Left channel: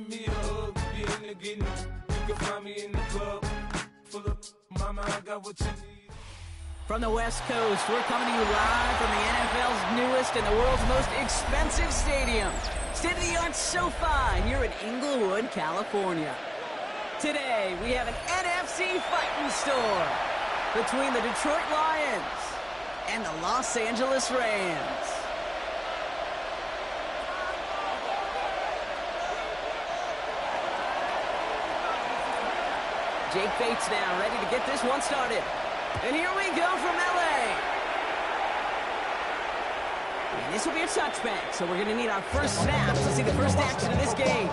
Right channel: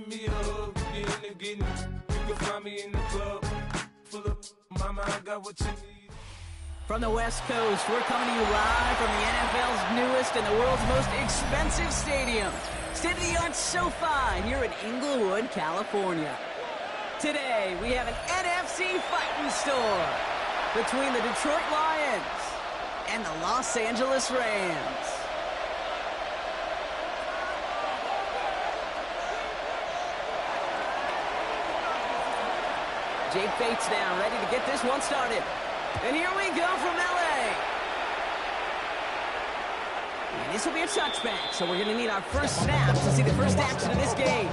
give me a hug. You in the getting, you can find me in the club. Full of mama, I got what you need. From the West Coast, we're coming to you live from the NFL's newest and the world's most expensive stadium, state-of-the-art SoFi here in Inglewood, California. Today, we have an NFC fighting store between the Detroit Lions and the Los Angeles Rams. Jake Bates now, ready to get this one started. And here we go from LA. And this will be a touchback, so we're going to need our first snap to see the first action of this game.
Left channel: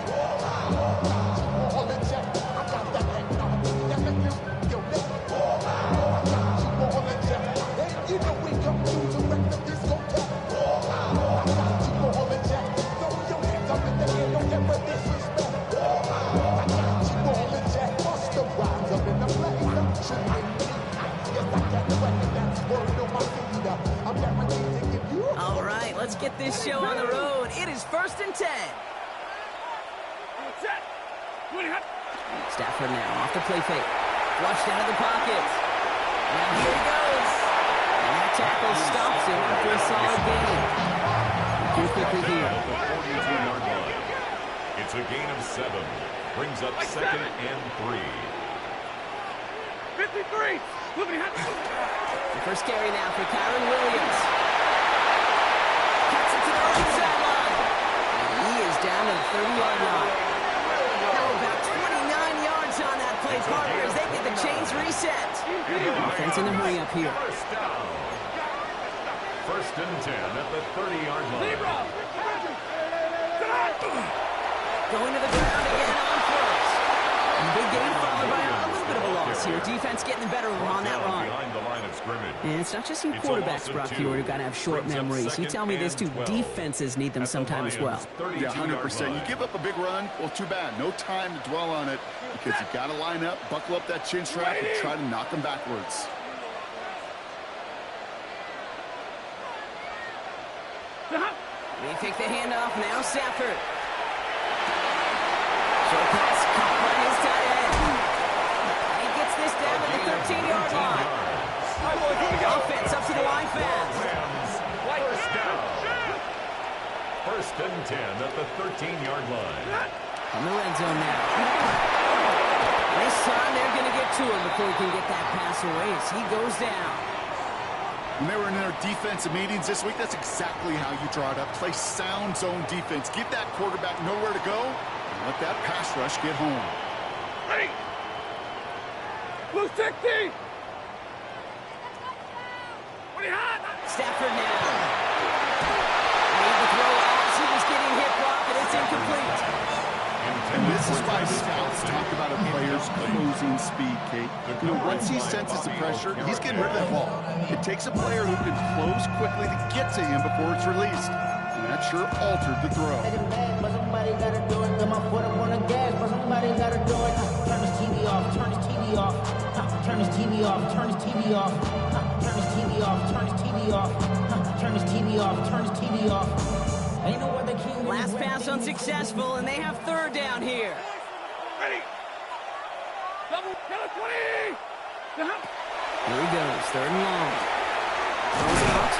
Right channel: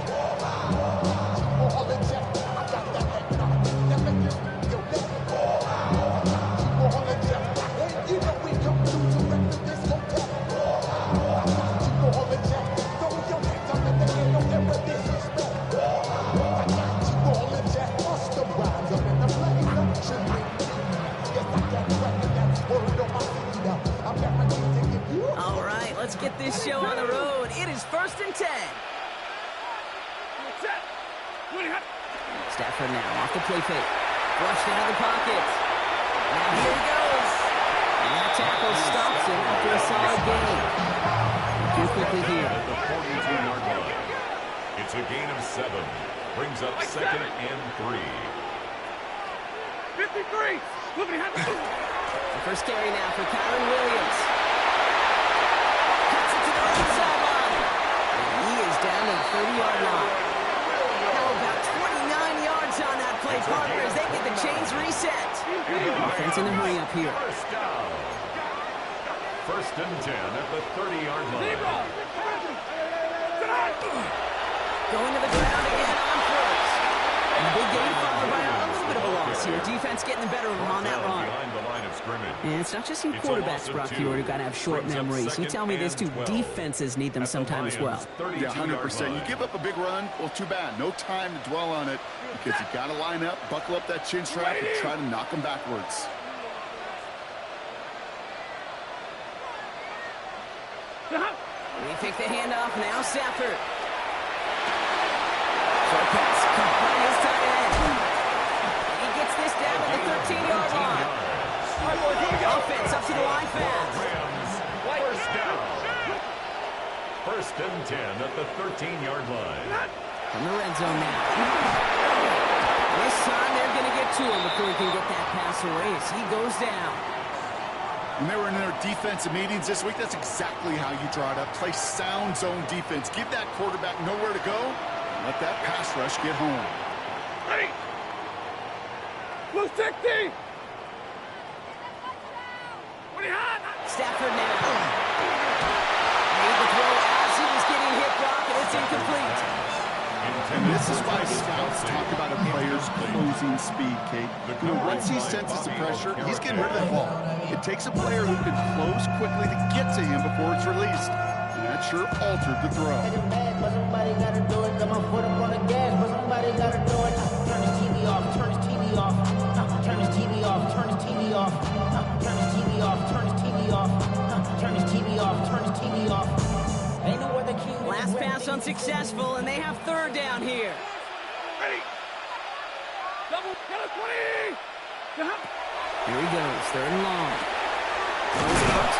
All right, let's get this show on the road. It is 1st and 10. Stafford now off the play fake. Flushed out of the pocket. Now here he goes. And that tackle stops him after a solid gain. Too quickly here. At the 42-yard line. It's a gain of 7. Brings up 2nd and 3. 53. The first carry now for Kyron Williams. Cuts it to the right sideline. And he is down to the 30-yard line. Now about 29 yards on that play, Carter, as they get the chains reset. Offense in the hurry up here. First down. 1st and 10 at the 30-yard line. Going to the ground again on first. And big game followed by a little bit of a loss here. Defense getting the better of them on that run. Behind the line of scrimmage. And it's not just you quarterbacks, Brock Hewitt, who got to have short memories. You tell me this too, defenses need them sometime as well. Yeah, 100%. You give up a big run, well, too bad. No time to dwell on it because you got to line up, buckle up that chin strap, and try to knock them backwards. They take the handoff now, Stafford. Short pass caught by his tight end. And he gets this down to the 13-yard line. Offense up to the line fast. Rams, first down. 1st and 10 at the 13-yard line. From the red zone now. This time they're going to get to him before he can get that pass away as he goes down. When they were in their defensive meetings this week, that's exactly how you draw it up. Play sound zone defense. Give that quarterback nowhere to go. Let that pass rush get home. Ready. Blue 60. What do you have? Stafford now. Made the throw as he was getting hit, Brock, and it's incomplete. And this is why scouts talk about a player's closing speed, Kate. You know, once he senses the pressure, he's getting rid of that ball. It takes a player who can close quickly to get to him before it's released. And that sure altered the throw. But somebody gotta do it. Got my foot up on the gas, but somebody gotta do it. Turn his TV off, turn his TV off. Turn his TV off, turn his TV off. Turn his TV off, turn his TV off. Turn his TV off, turn his TV off. Ain't no other king. Last pass unsuccessful, and they have 3rd down here. Ready. Double, yellow 20. Here he goes, 3rd and long. Throws it out.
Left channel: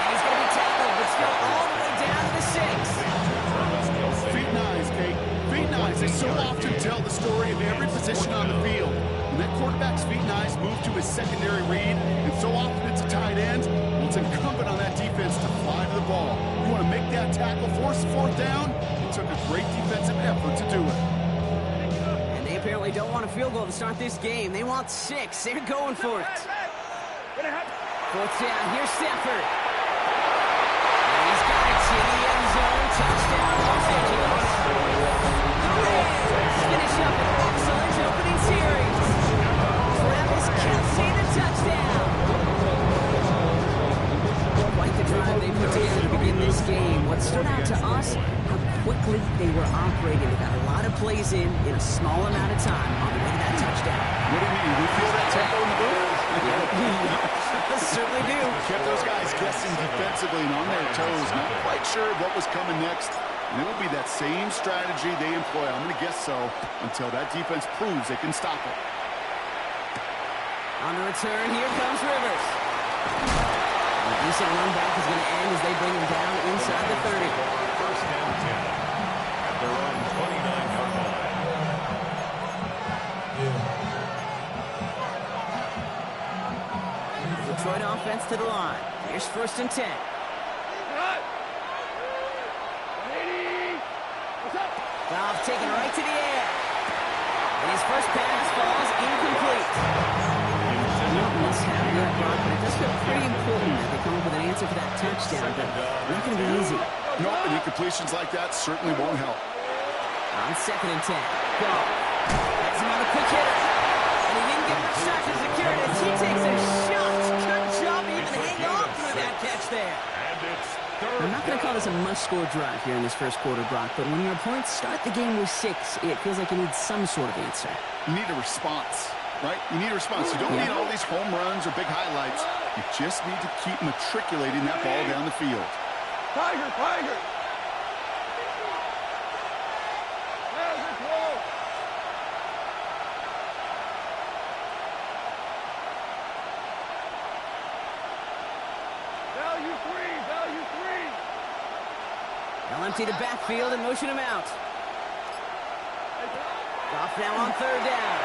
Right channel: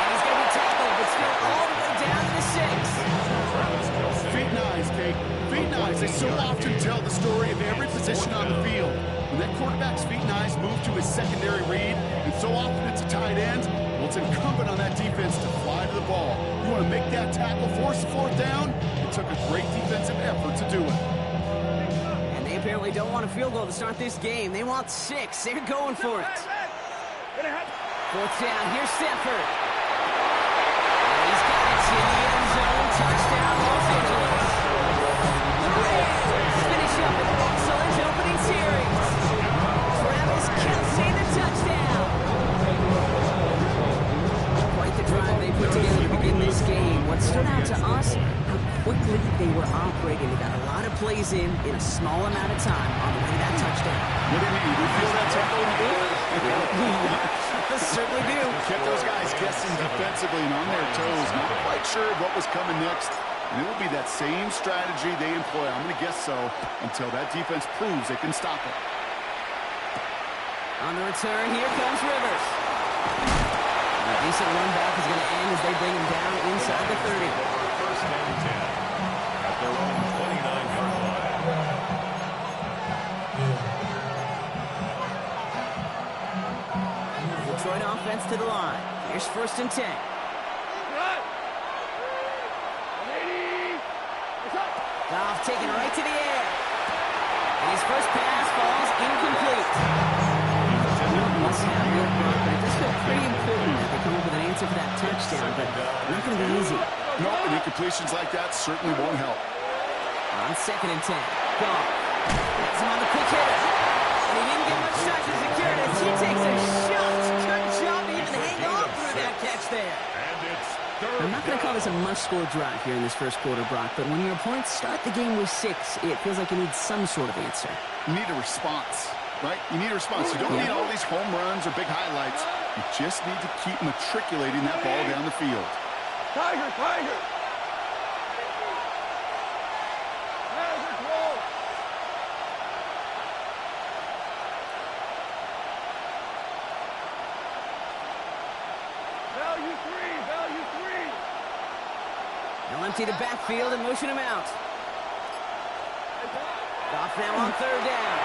And he's going to be tackled, but still all the way down to the 6. Feet and eyes, Kate. Feet and eyes. They so often tell the story of every position on the field. When that quarterback's feet and eyes move to his secondary read, and so often it's a tight end, well, it's incumbent on that defense to fly to the ball. You want to make that tackle, force the 4th down? It took a great defensive effort to do it. And they apparently don't want a field goal to start this game. They want 6. They're going for it. 4th down. Here's Stafford. And he's got it in the end zone. Touchdown, Los Angeles. The Rams finish up an excellent opening series. Travis Kelce, the touchdown. Quite the drive they put together to begin this game. What stood out to us, how quickly they were operating. They got a lot of plays in a small amount of time on the way to that touchdown. What do you mean? We feel that tempo in the booth? Yeah, certainly do. Kept those guys guessing defensively and on their toes. Not quite sure what was coming next. And it will be that same strategy they employ, I'm going to guess so, until that defense proves they can stop it. On the return, here comes Rivers. And a decent run back is going to end as they bring him down inside the 30. First and 10 at their own 29-yard line. Detroit offense to the line. Here's first and 10. Goff taking it right to the air. And his first pass falls incomplete. Not must have that, Brock, but it does feel pretty important that they come up with an answer for that touchdown, but not going to be easy. Nope, and incompletions like that certainly won't help. On second and 10, Goff gets him on the quick hitter. And he didn't get much time to secure it as he takes a shot. Good job to even hang on through that catch there. And it's I'm not going to call this a must-score drive here in this first quarter, Brock, but when your opponents start the game with 6, it feels like you need some sort of answer. You need a response, right? You need a response. You don't need all these home runs or big highlights. You just need to keep matriculating that ball down the field. Tiger, Tiger! Value 3! They'll empty the backfield and motion him out. Goff now on third down.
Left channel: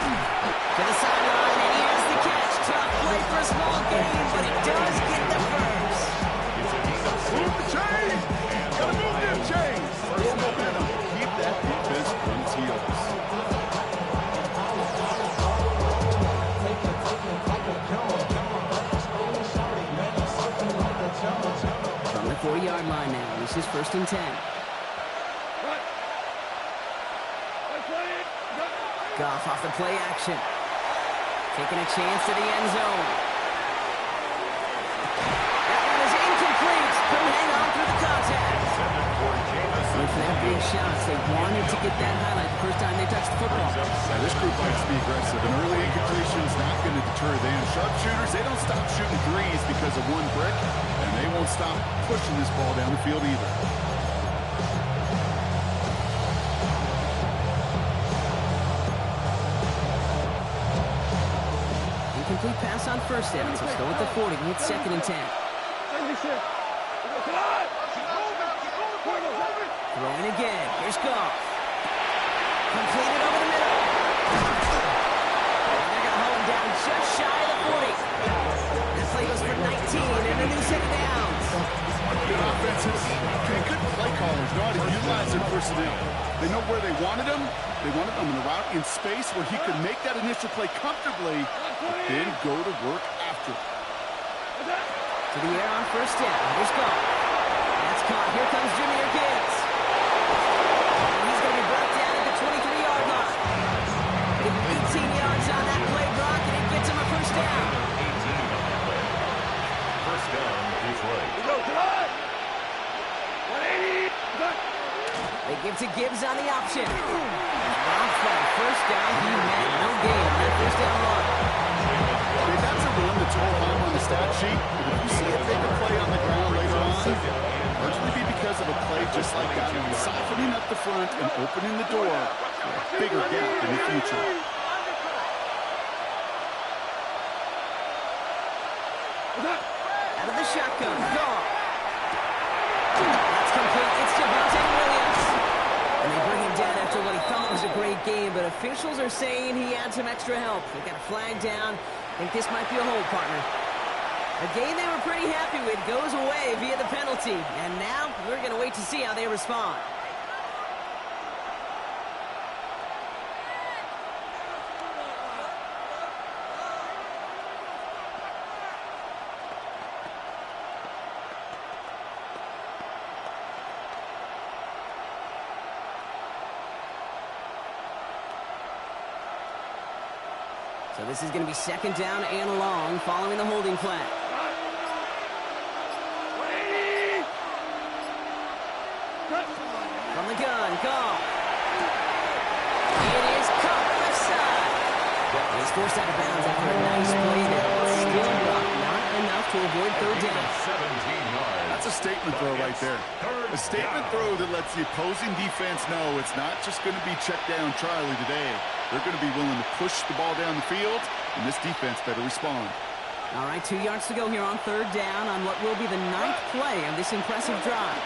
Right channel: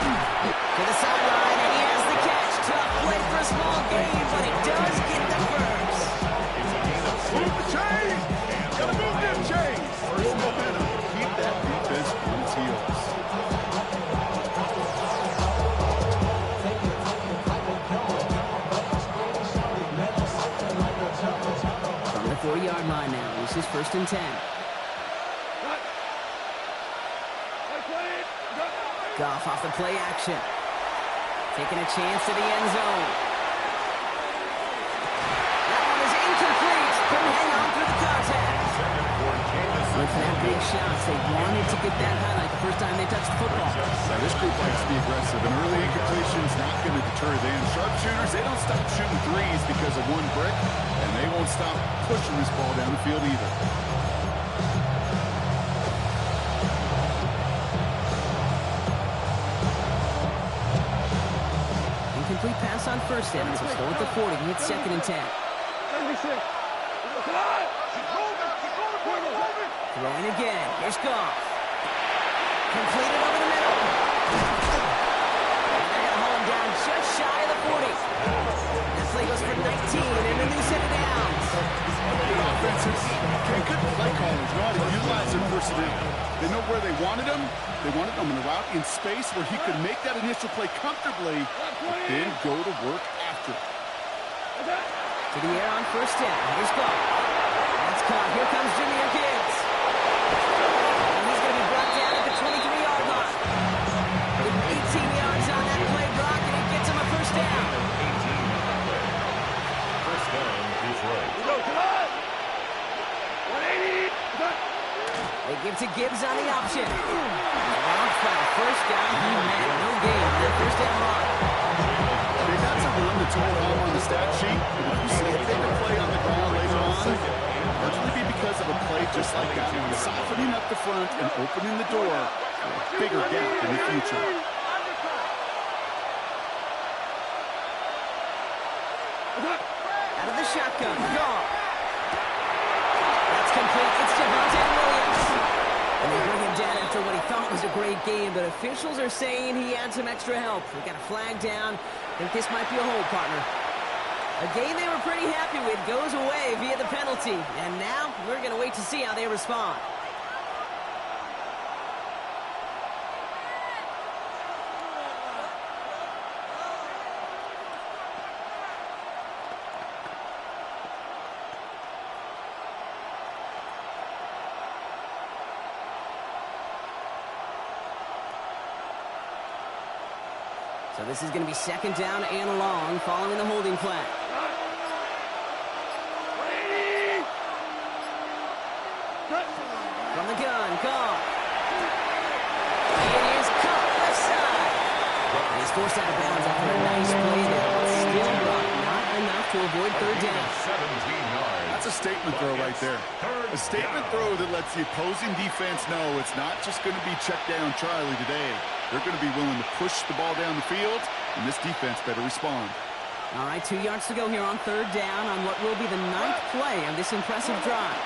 To the sideline, and he has the catch. Tough play for a small gain, but he does get the first. Move the chains! Gotta move them chains! First momentum. Keep that defense on its heels. From the 40-yard line now, this is first and 10. Goff off the play action. Taking a chance to the end zone. That one is incomplete. Couldn't hang on through the contact. Went for that big shot. They wanted to get that highlight the first time they touched the football. Now, this group likes to be aggressive. An early incompletion is not going to deter them. Sharpshooters, they don't stop shooting threes because of one brick, and they won't stop pushing this ball down the field either. Incomplete pass on first down, so still at the 40. He hits second and 10. 76. Throwing again. Here's Goff. Completed over the middle. And they're going to hold him down just shy of the 40. That play goes for 19 and a new set of downs. Good offenses. Okay, good play callers know how to utilize their personnel. They know where they wanted him. They wanted him in a route in space where he could make that initial play comfortably, but then go to work after it. To the air on first down. Here's Goff. That's caught. Here comes Jameer Gibbs. And he's going to be brought down at the 23-yard line. Give him 18 yards on that play, Brock, and it gets him a first down. 18 on the play. First down, Detroit. They give to Gibbs on the option. Brock for a first down. He met no gain on that first down run. Okay, that's a run that's all home on the stat sheet, but if you see a bigger play on the ground later on, largely be because of a play just like that one, softening up the front and opening the door for a bigger gap in the future. Out of the shotgun. Goff. That's complete. It's Javonte Williams. And they bring him down after what he thought was a great game, but officials are saying he had some extra help. They got a flag down. I think this might be a hold, partner. A game they were pretty happy with goes away via the penalty. And now we're going to wait to see how they respond. So this is going to be second down and long following the holding flag. From the gun, Goff. It is caught left side. He's forced out of bounds after a nice play there. Still, Brock, not enough to avoid third down. 17 yards. That's a statement throw right there. A statement throw that lets the opposing defense know it's not just going to be check down Charlie today. They're going to be willing to push the ball down the field, and this defense better respond. All right, 2 yards to go here on third down on what will be the 9th play of this impressive drive.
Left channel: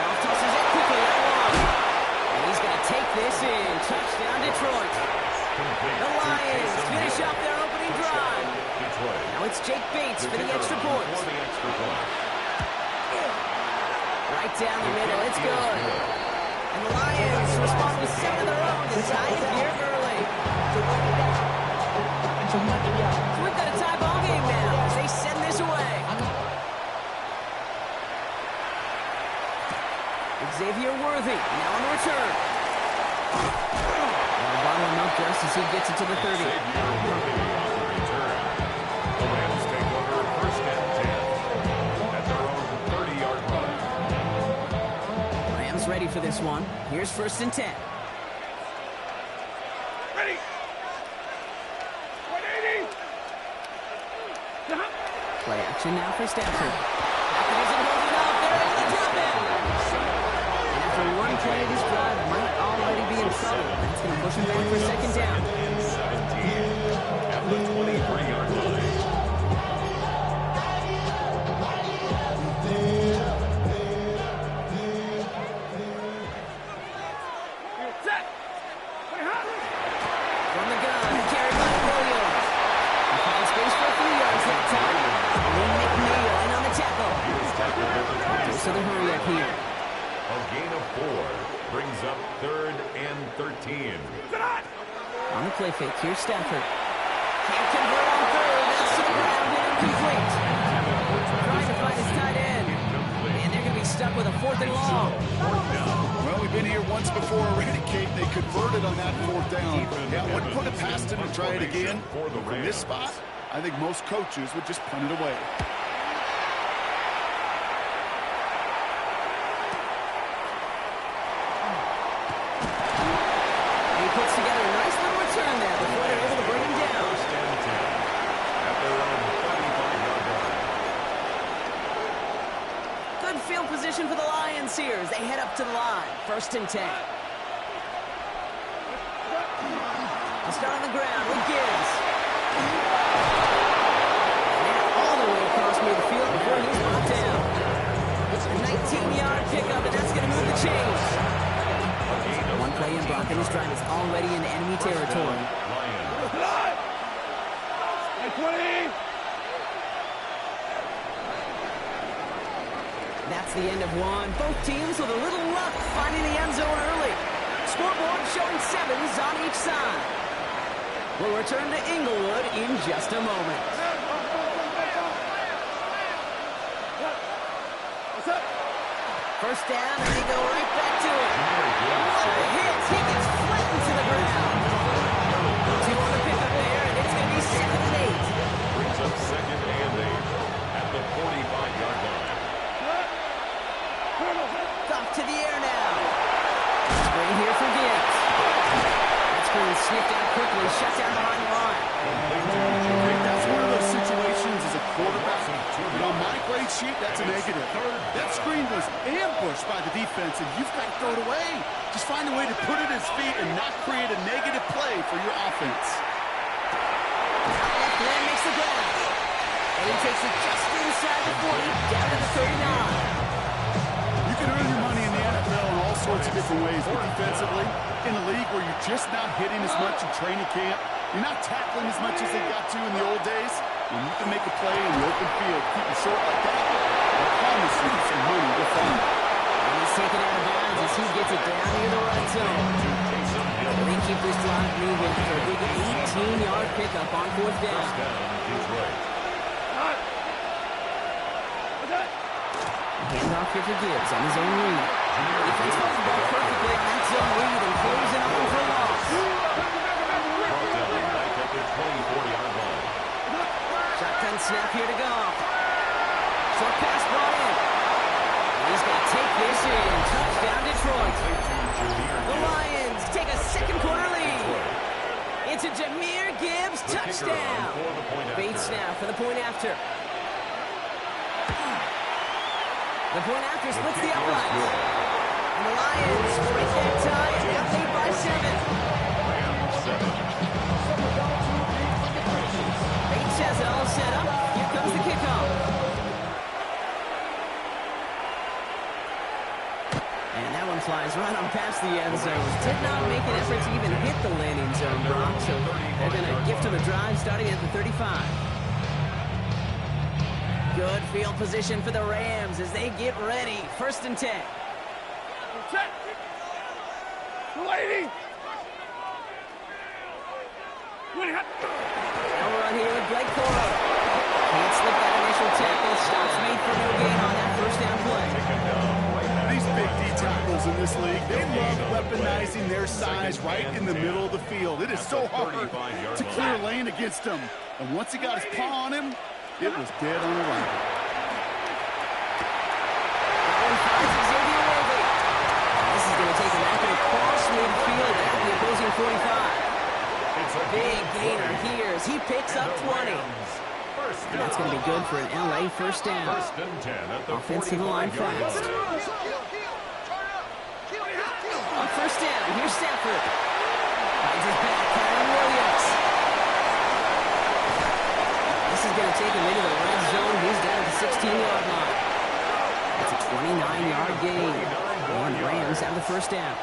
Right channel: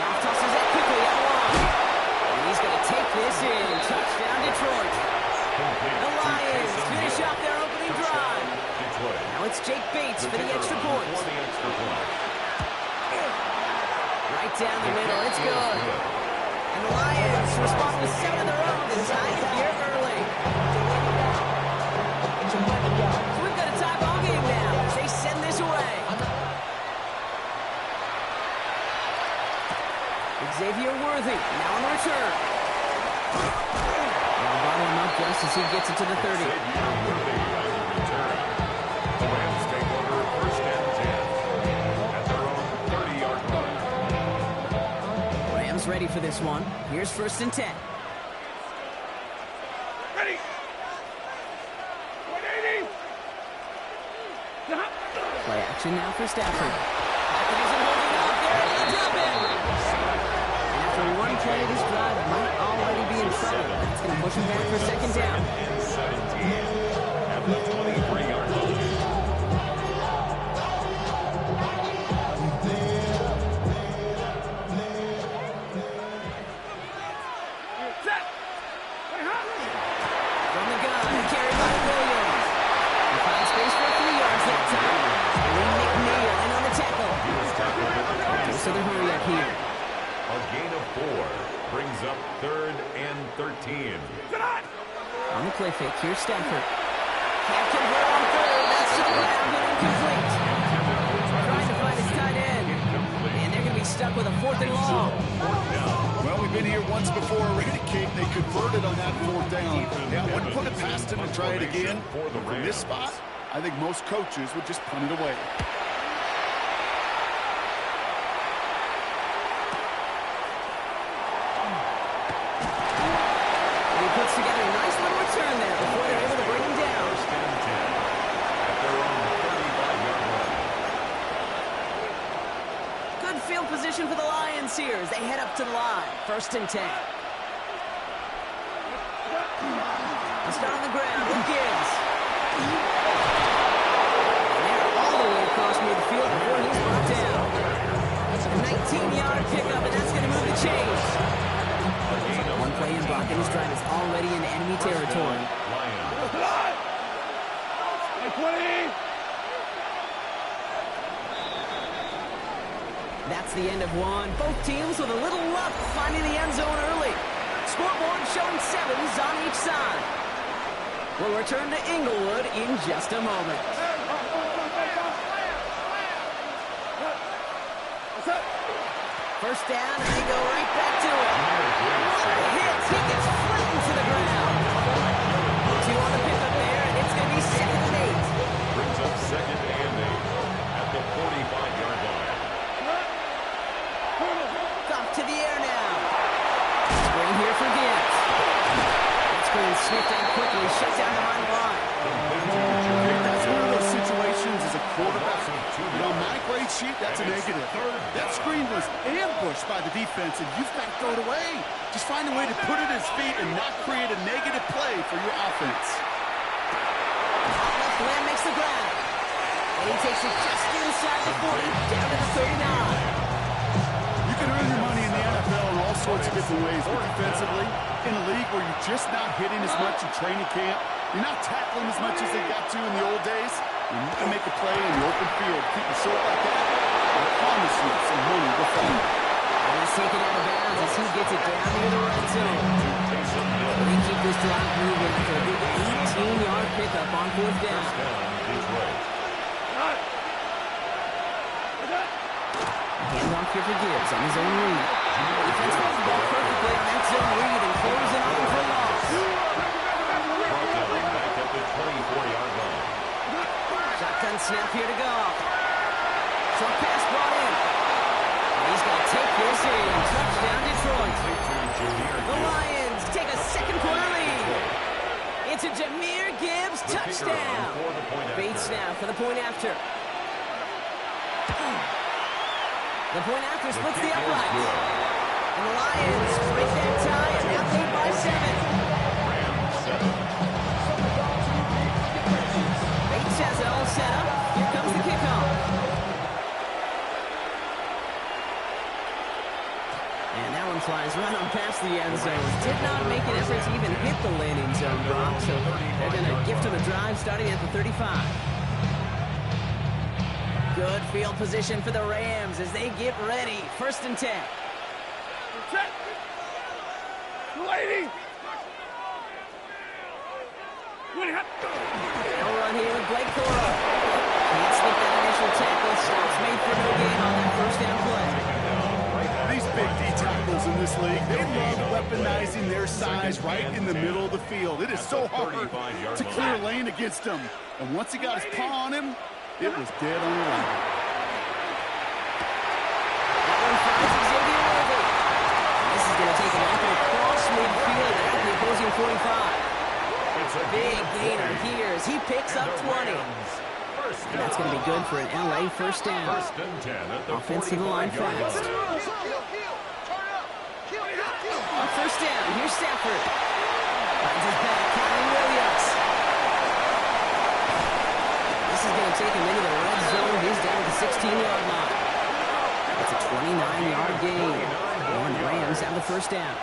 Goff tosses it quickly out long. And he's going to take this in. Touchdown, Detroit. The Lions finish off their opening drive. Now it's Jake Bates for the extra point. Right down the middle. It's good. And the Lions respond with 7 of their own to tie it here early. So we've got a tie ball game now as they send this away. Xavier Worthy now on the return. Now bottle him up just as he gets it to the 30. Xavier Worthy on the return. The Rams take over first and 10 at their own 30-yard line. Rams ready for this one. Here's first and 10. Ready. 180. Play action now for Stafford. Stafford isn't holding up. They're able to drop it. And after one play, this drive might already be in trouble. That's going to push him back for second down. 17 at the 23-yard line. Set. From the gun, carried by Williams. He finds space for a few yards that time. Lee McNeil in on the tackle. He was tackled at the 27. So the hurry up here. A gain of 4 brings up 3rd and 13. On the play fake, here's Stafford. Can't convert on third. That's to the ground and incomplete. Trying to find his tight end. And they're going to be stuck with a 4th and long. Well, we've been here once before already, Kate. They converted on that 4th down. Yeah, I wouldn't put it past them to try it again. But from this spot, I think most coaches would just punt it away. And he puts together a nice little return there before they're able to bring him down. First and 10 at their own 35-yard line. Good field position for the Lions here as they head up to the line. First and 10. They'll start on the ground with Gibbs. And they're all the way across midfield before he's brought down. A 19-yard pickup, and that's going to move the chains. One play in block, and his drive is already in enemy territory. Lions. 20. That's the end of one. Both teams with a little luck finding the end zone early. Scoreboard showing 7s on each side. We'll return to Inglewood in just a moment. First down, and they go right back to it. What a hit. He gets flattened to the ground. 2 on the pickup there, and it's going to be 2nd and 8. Brings up 2nd and 8 at the 45-yard line. Off to the air now. Screen here for Gibbs. That screen sniffed out quickly, shut down behind the line. That's one of those situations as a quarterback. But on my grade sheet, that's a negative. That screen was ambushed by the defense, and you've got to throw it away. Just find a way to put it at his feet and not create a negative play for your offense. Out left land makes the ground. And he takes it just inside the 40, down to the 39. You can earn your money in the NFL in all sorts of different ways, but defensively, in a league where you're just not hitting as much in training camp, you're not tackling as much as they got to in the old days, when you can make a play in the open field, keep it short like that, I promise you some money will follow. And he's taken out of bounds as he gets it down near the red zone. They keep this drive moving after a big 18-yard pickup on 4th down. First down, Detroit. Handoff here for Gibbs on his own read. Defense holds the ball perfectly on that zone read and closing on him for a loss. Brought down back at the 24-yard line. Shotgun snap here to go. Short pass brought in. And he's going to take this in. Touchdown, Detroit. The Lions take a second quarter lead. It's a Jahmyr Gibbs, touchdown. Bait snap for the point after. The point after splits the uprights. And the Lions break that tie and now lead by 7. Bates has it all set up. Here comes the kickoff. And that one flies right on past the end zone. Did not make an effort to even hit the landing zone, Brock. So they're going to gift him a drive starting at the 35. Good field position for the Rams as they get ready. 1st and 10. Lady! Now run here with Blake Coro. Can't slip that initial tackle. Stops made for no gain on that 1st down play. These big D tackles in this league, they love weaponizing their size right in the middle of the field. It is so hard to clear a lane against them. And once he got his paw on him, it was dead on arrival. That one finds Xavier Worthy. This is going to take him out across midfield at the opposing 45. Big gainer here as he picks up 20. And that's going to be good for an LA 1st down. 1st and 10 at the Offensive line fast. On 1st down, here's Stafford. Finds his back, Kyron Williams. This is going to take him into the red zone. He's down at the 16-yard line. It's a 29-yard gain. And the Rams have the 1st down.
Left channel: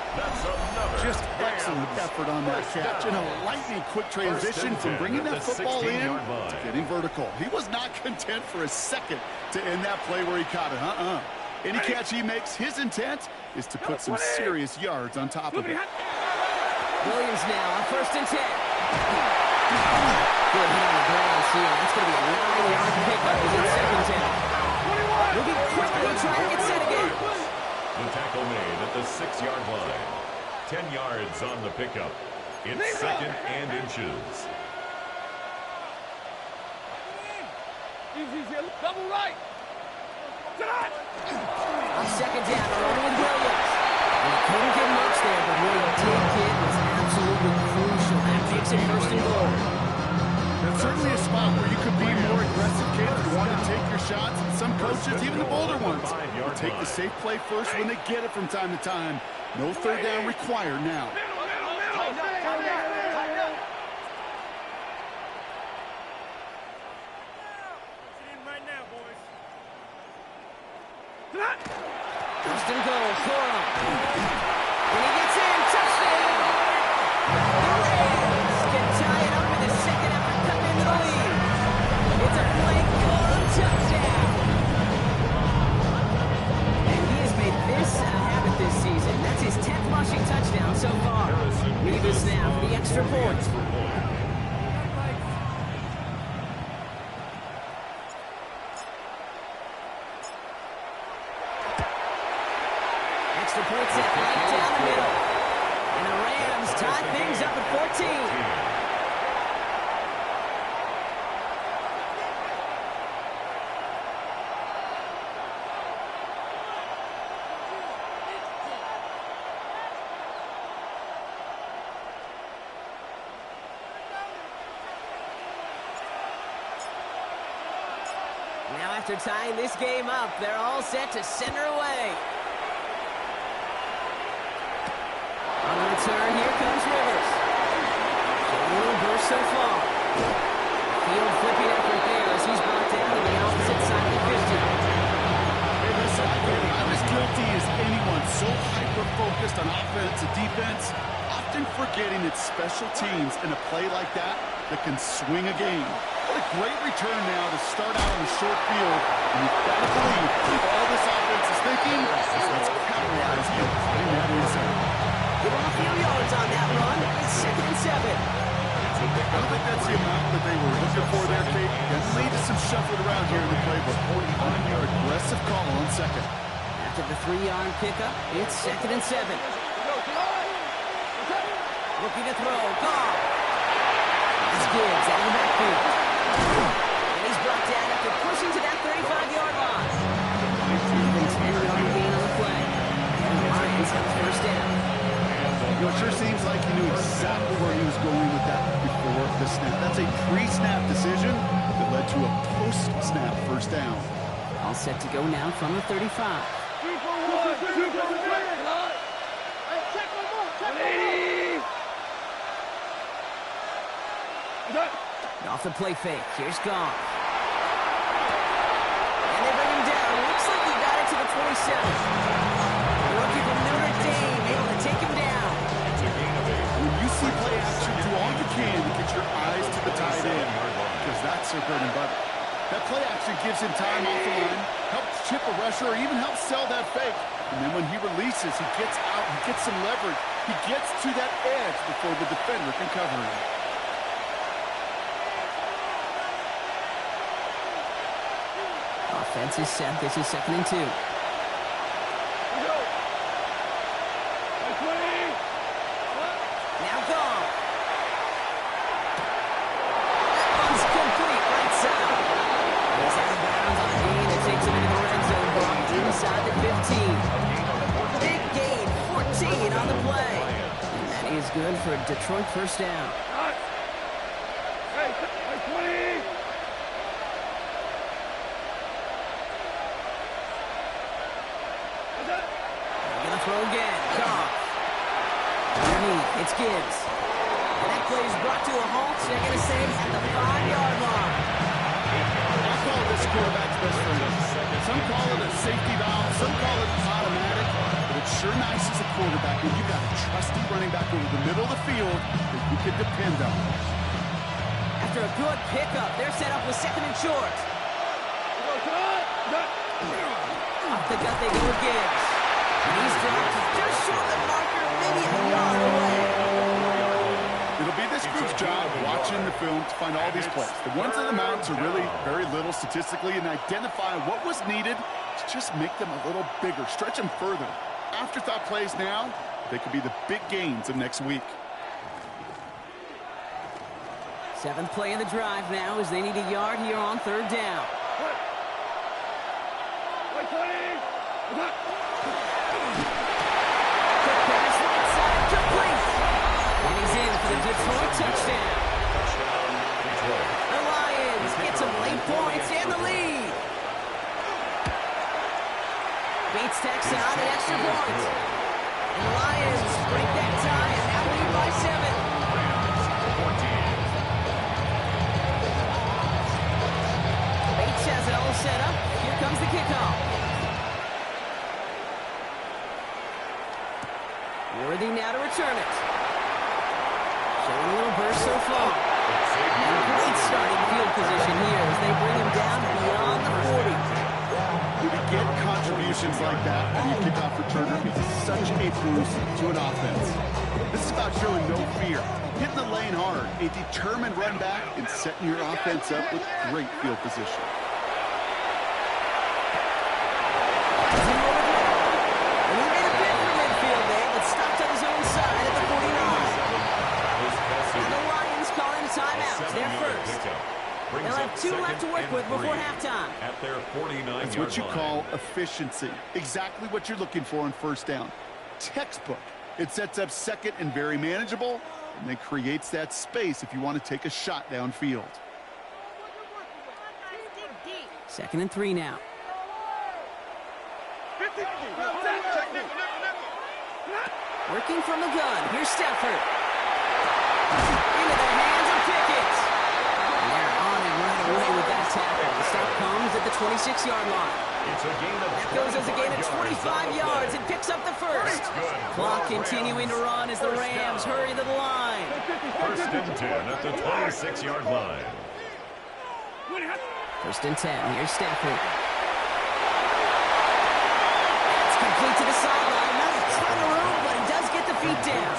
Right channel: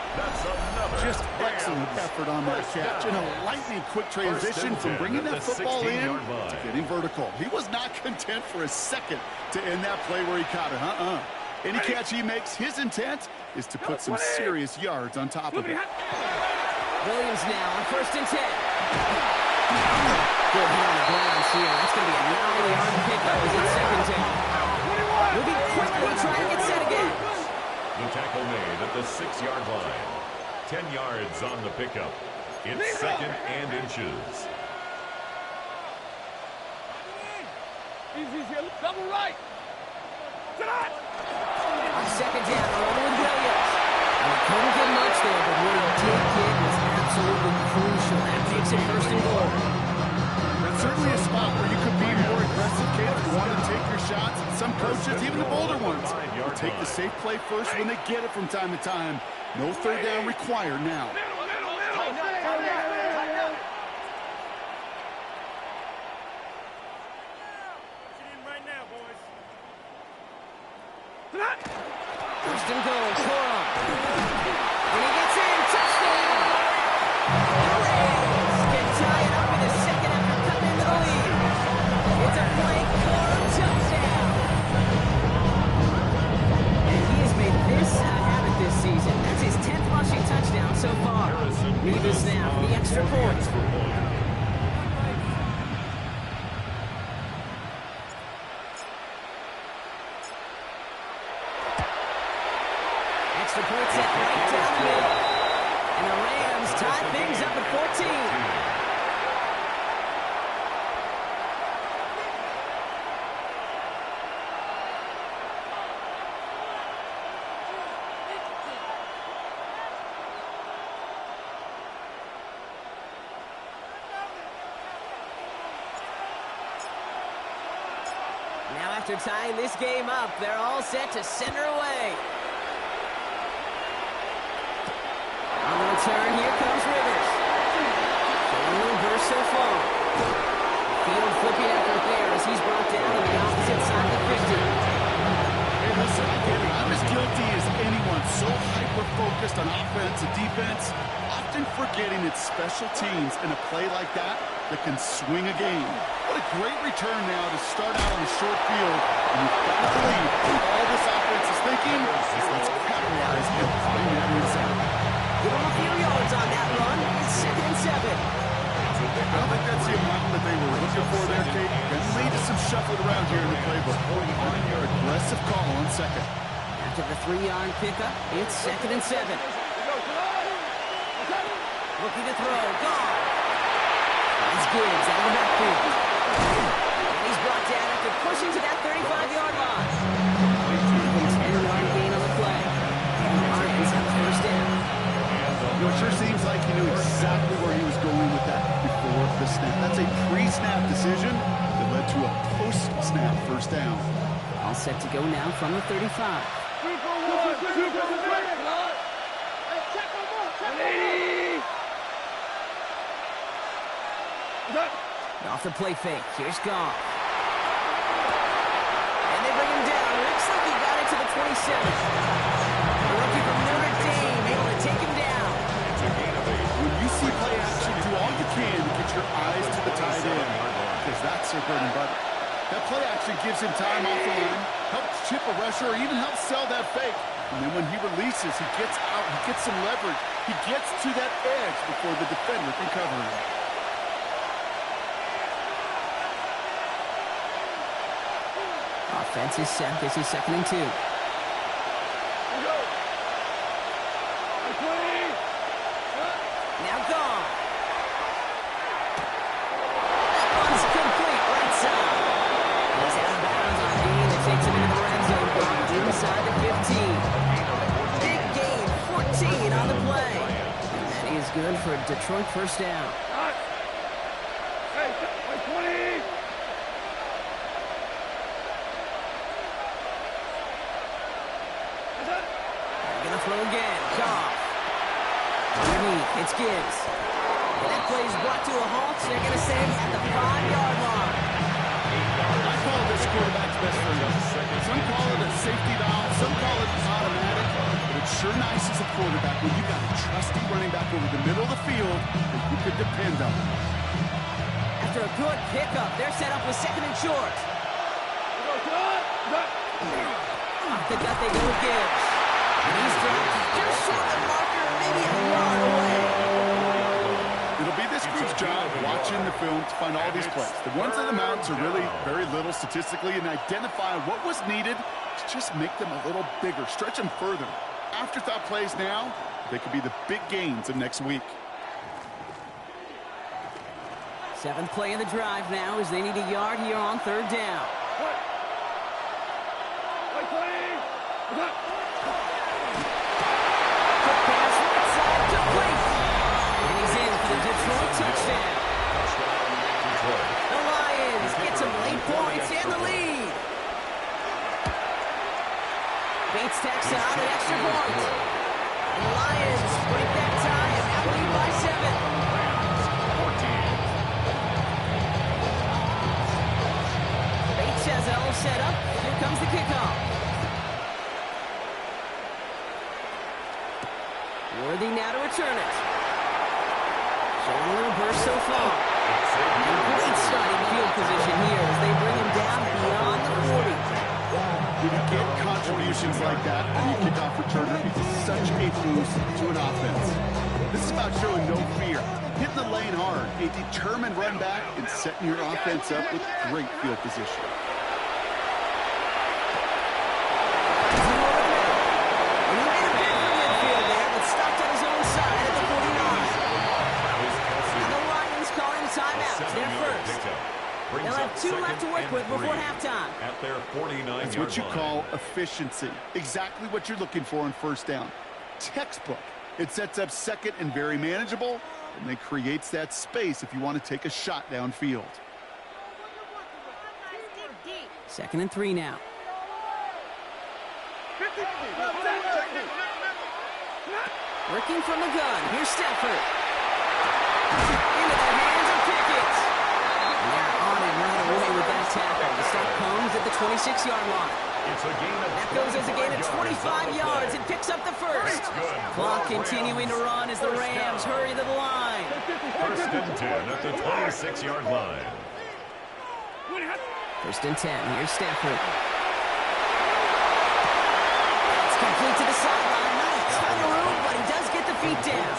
Just excellent effort on that catch. And a lightning-quick transition from bringing that football in to getting vertical. He was not content for a second to end that play where he caught it. Any catch he makes, his intent is to put some serious yards on top of it. Williams now on 1st and 10. Good hit on the ground here. That's going to be a 9-yard pickup as it's 2nd down. Moving quickly, trying to get set again. The tackle made at the 6-yard line. 10 yards on the pickup. It's 2nd and inches. Easy, double right. On 2nd down, a run with Williams. And he couldn't get much there, but what he did get was absolutely crucial. That makes it 1st and goal. That's certainly a spot where you could be more aggressive, kid, if you want to take your shots. And some coaches, even the bolder ones, will take the safe play first when they get it from time to time. No 3rd down required now. First and goal, Coro. When he gets in, touchdown! The Rams can tie it up in the 2nd after cutting into the lead. It's a Blake Coro touchdown. And he has made this a habit this season. That's his 10th rushing touchdown so far. Nevis now for the extra point. Extra point set right down the middle. And the Rams tie things up at 14. Now after tying this game up, they're all set to center away. On the return, here comes Rivers. Showing a little burst so far. Field flipping effort there as he's brought down on the opposite side of the 50. Hey, listen, I get it. I'm as guilty as anyone. So hyper-focused on offense and defense, often forgetting it's special teams in a play like that can swing a game. What a great return now to start out on the short field. And you've got to believe all this offense is thinking is let's capitalize and find that inside. Give him a few yards on that run. It's 2nd and 7. I don't think that's the amount that they were looking for there, Kate. Can lead to some shuffling around here in the playbook. On your aggressive call on 2nd. After the 3-yard pickup, it's 2nd and 7. Looking to throw. Gone. It's Gibbs out of the backfield. And he's brought down after pushing to that 35-yard line. Even 10-yard gain on the play. And the Lions have the 1st down. And the You know, it sure seems like he knew exactly where he was going with that before the snap. That's a pre-snap decision that led to a post-snap first down. All set to go now from the 35. 2 for 1. 2 for 1. Hey, check 180. Off the play fake. Here's Goff. And they bring him down. Looks like he got it to the 27. The rookie from Notre Dame able to take him down. It's a gain of 8. When you see play action, do all you can to get your eyes to the tight end, because that's their bread and butter. That play action gives him time off the line, helps chip a rusher, or even helps sell that fake. And then when he releases, he gets out, he gets some leverage. He gets to that edge before the defender can cover him. Offense is set. This is 2nd and 2. Go. 20. Now Goff. That one's complete right side. And he's out of bounds on a gain that takes him into the red zone. Brought inside the 15. Big gain, 14 on the play. And that is good for a Detroit first down. Hey, 20. They're going to throw again. Goff. Underneath, it's Gibbs. And that play is brought to a halt. They're going to say at the 5-yard line. I call this quarterback's best friend. Some call it a safety valve, some call it automatic, but it's sure nice as a quarterback when you've got a trusty running back over the middle of the field that you can depend on. After a good pickup, they're set up with 2nd and short. Off the gut they go with Gibbs. And he's dropped just short of the marker, maybe a yard away. It'll be this group's job watching the film to find all these plays. The ones that amount to really very little statistically, and identify what was needed to just make them a little bigger, stretch them further. Afterthought plays now, they could be the big gains of next week. 7th play in the drive now as they need a yard here on 3rd down. Quick pass right side, complete. And he's in for the Detroit touchdown. Touchdown, Detroit. The Lions get some late points and the lead. Bates tacks on the extra point. And the Lions break that tie and now lead by 7. Rams, 14. Bates has it all set up. Here comes the kickoff. Worthy now to return it. Showing a little burst so far. And great starting field position here as they bring him down beyond the 40. When you get contributions like that on your kickoff returner, it's such a boost to an offense. This is about showing no fear, hitting the lane hard, a determined run back, and setting your offense up with great field position. Rising over the middle. And he made a bid for midfield there, but stopped on his own side at the 49. And the Lions calling a timeout. They're first. They'll have 2 left to work with before halftime. At their 49-yard That's what you line. call efficiency. Exactly what you're looking for on first down. Textbook. It sets up 2nd and very manageable, and then creates that space if you want to take a shot downfield. 2nd and 3 now. Working from the gun. Here's Stafford. Into the hands of Pickett. And they're on him right away with that tackle. The stop comes at the 26-yard line. It's a gain of That goes as a gain of 25 yards and picks up the first. Clock continuing to run as the Rams hurry to the line. 1st and 10 at the 26-yard line. 1st and 10. Here's Stafford. That's complete to the sideline. Not a ton of room, but he does get the feet down.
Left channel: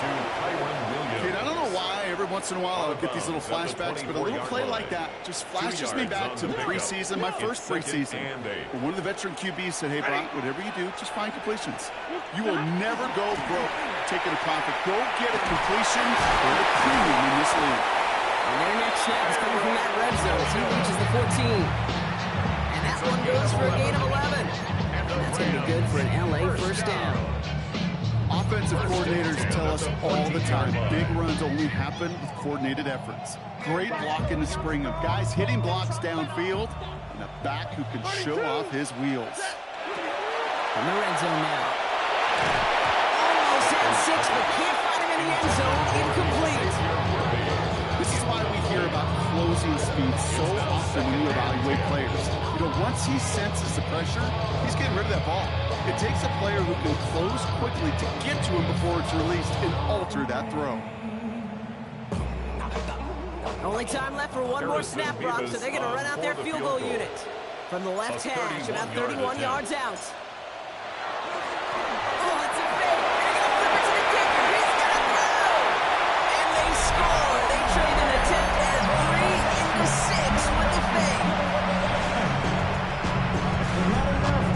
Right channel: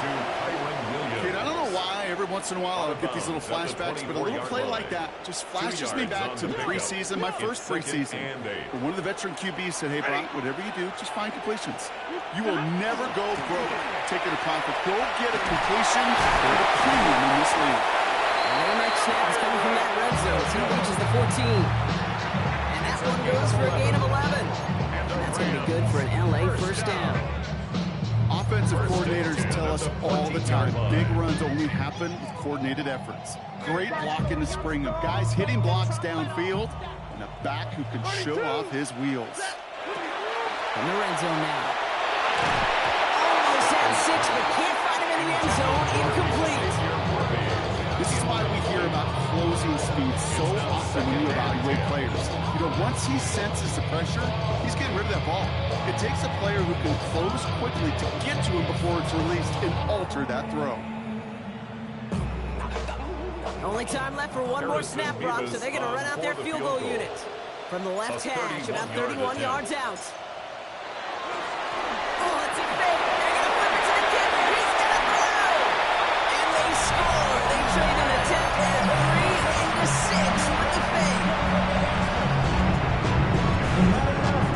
Kid, I don't know why every once in a while I'll get these little flashbacks, but a little play like that just flashes me back to the preseason, my first preseason. Where one of the veteran QBs said, hey, Brock, whatever you do, just find completions. You will never go broke taking a profit. Go get a completion or a premium in this league. And their next snap is coming from that red zone as he reaches the 14. And that one goes for a gain of 11. And that's going to be good for an LA first down. offensive coordinators tell us all the time, big runs only happen with coordinated efforts. Great blocking to spring them. Guys hitting blocks downfield, and a back who can show off his wheels. From the red zone now. Almost had 6, but can't find him in the end zone. Incomplete. This is why we hear about closing speed so often when you evaluate players. You know, once he senses the pressure, he's getting rid of that ball. It takes a player who can close quickly to get to him before it's released and alter that throw. Only time left for one more snap, Brock, so they're going to run out their field goal unit. From the left hash, about 31 yards out. Oh, it's a fake. They're going to flip it to the kicker. He's going to throw. And they score. They trade an attempt at 3 into 6 with the fake.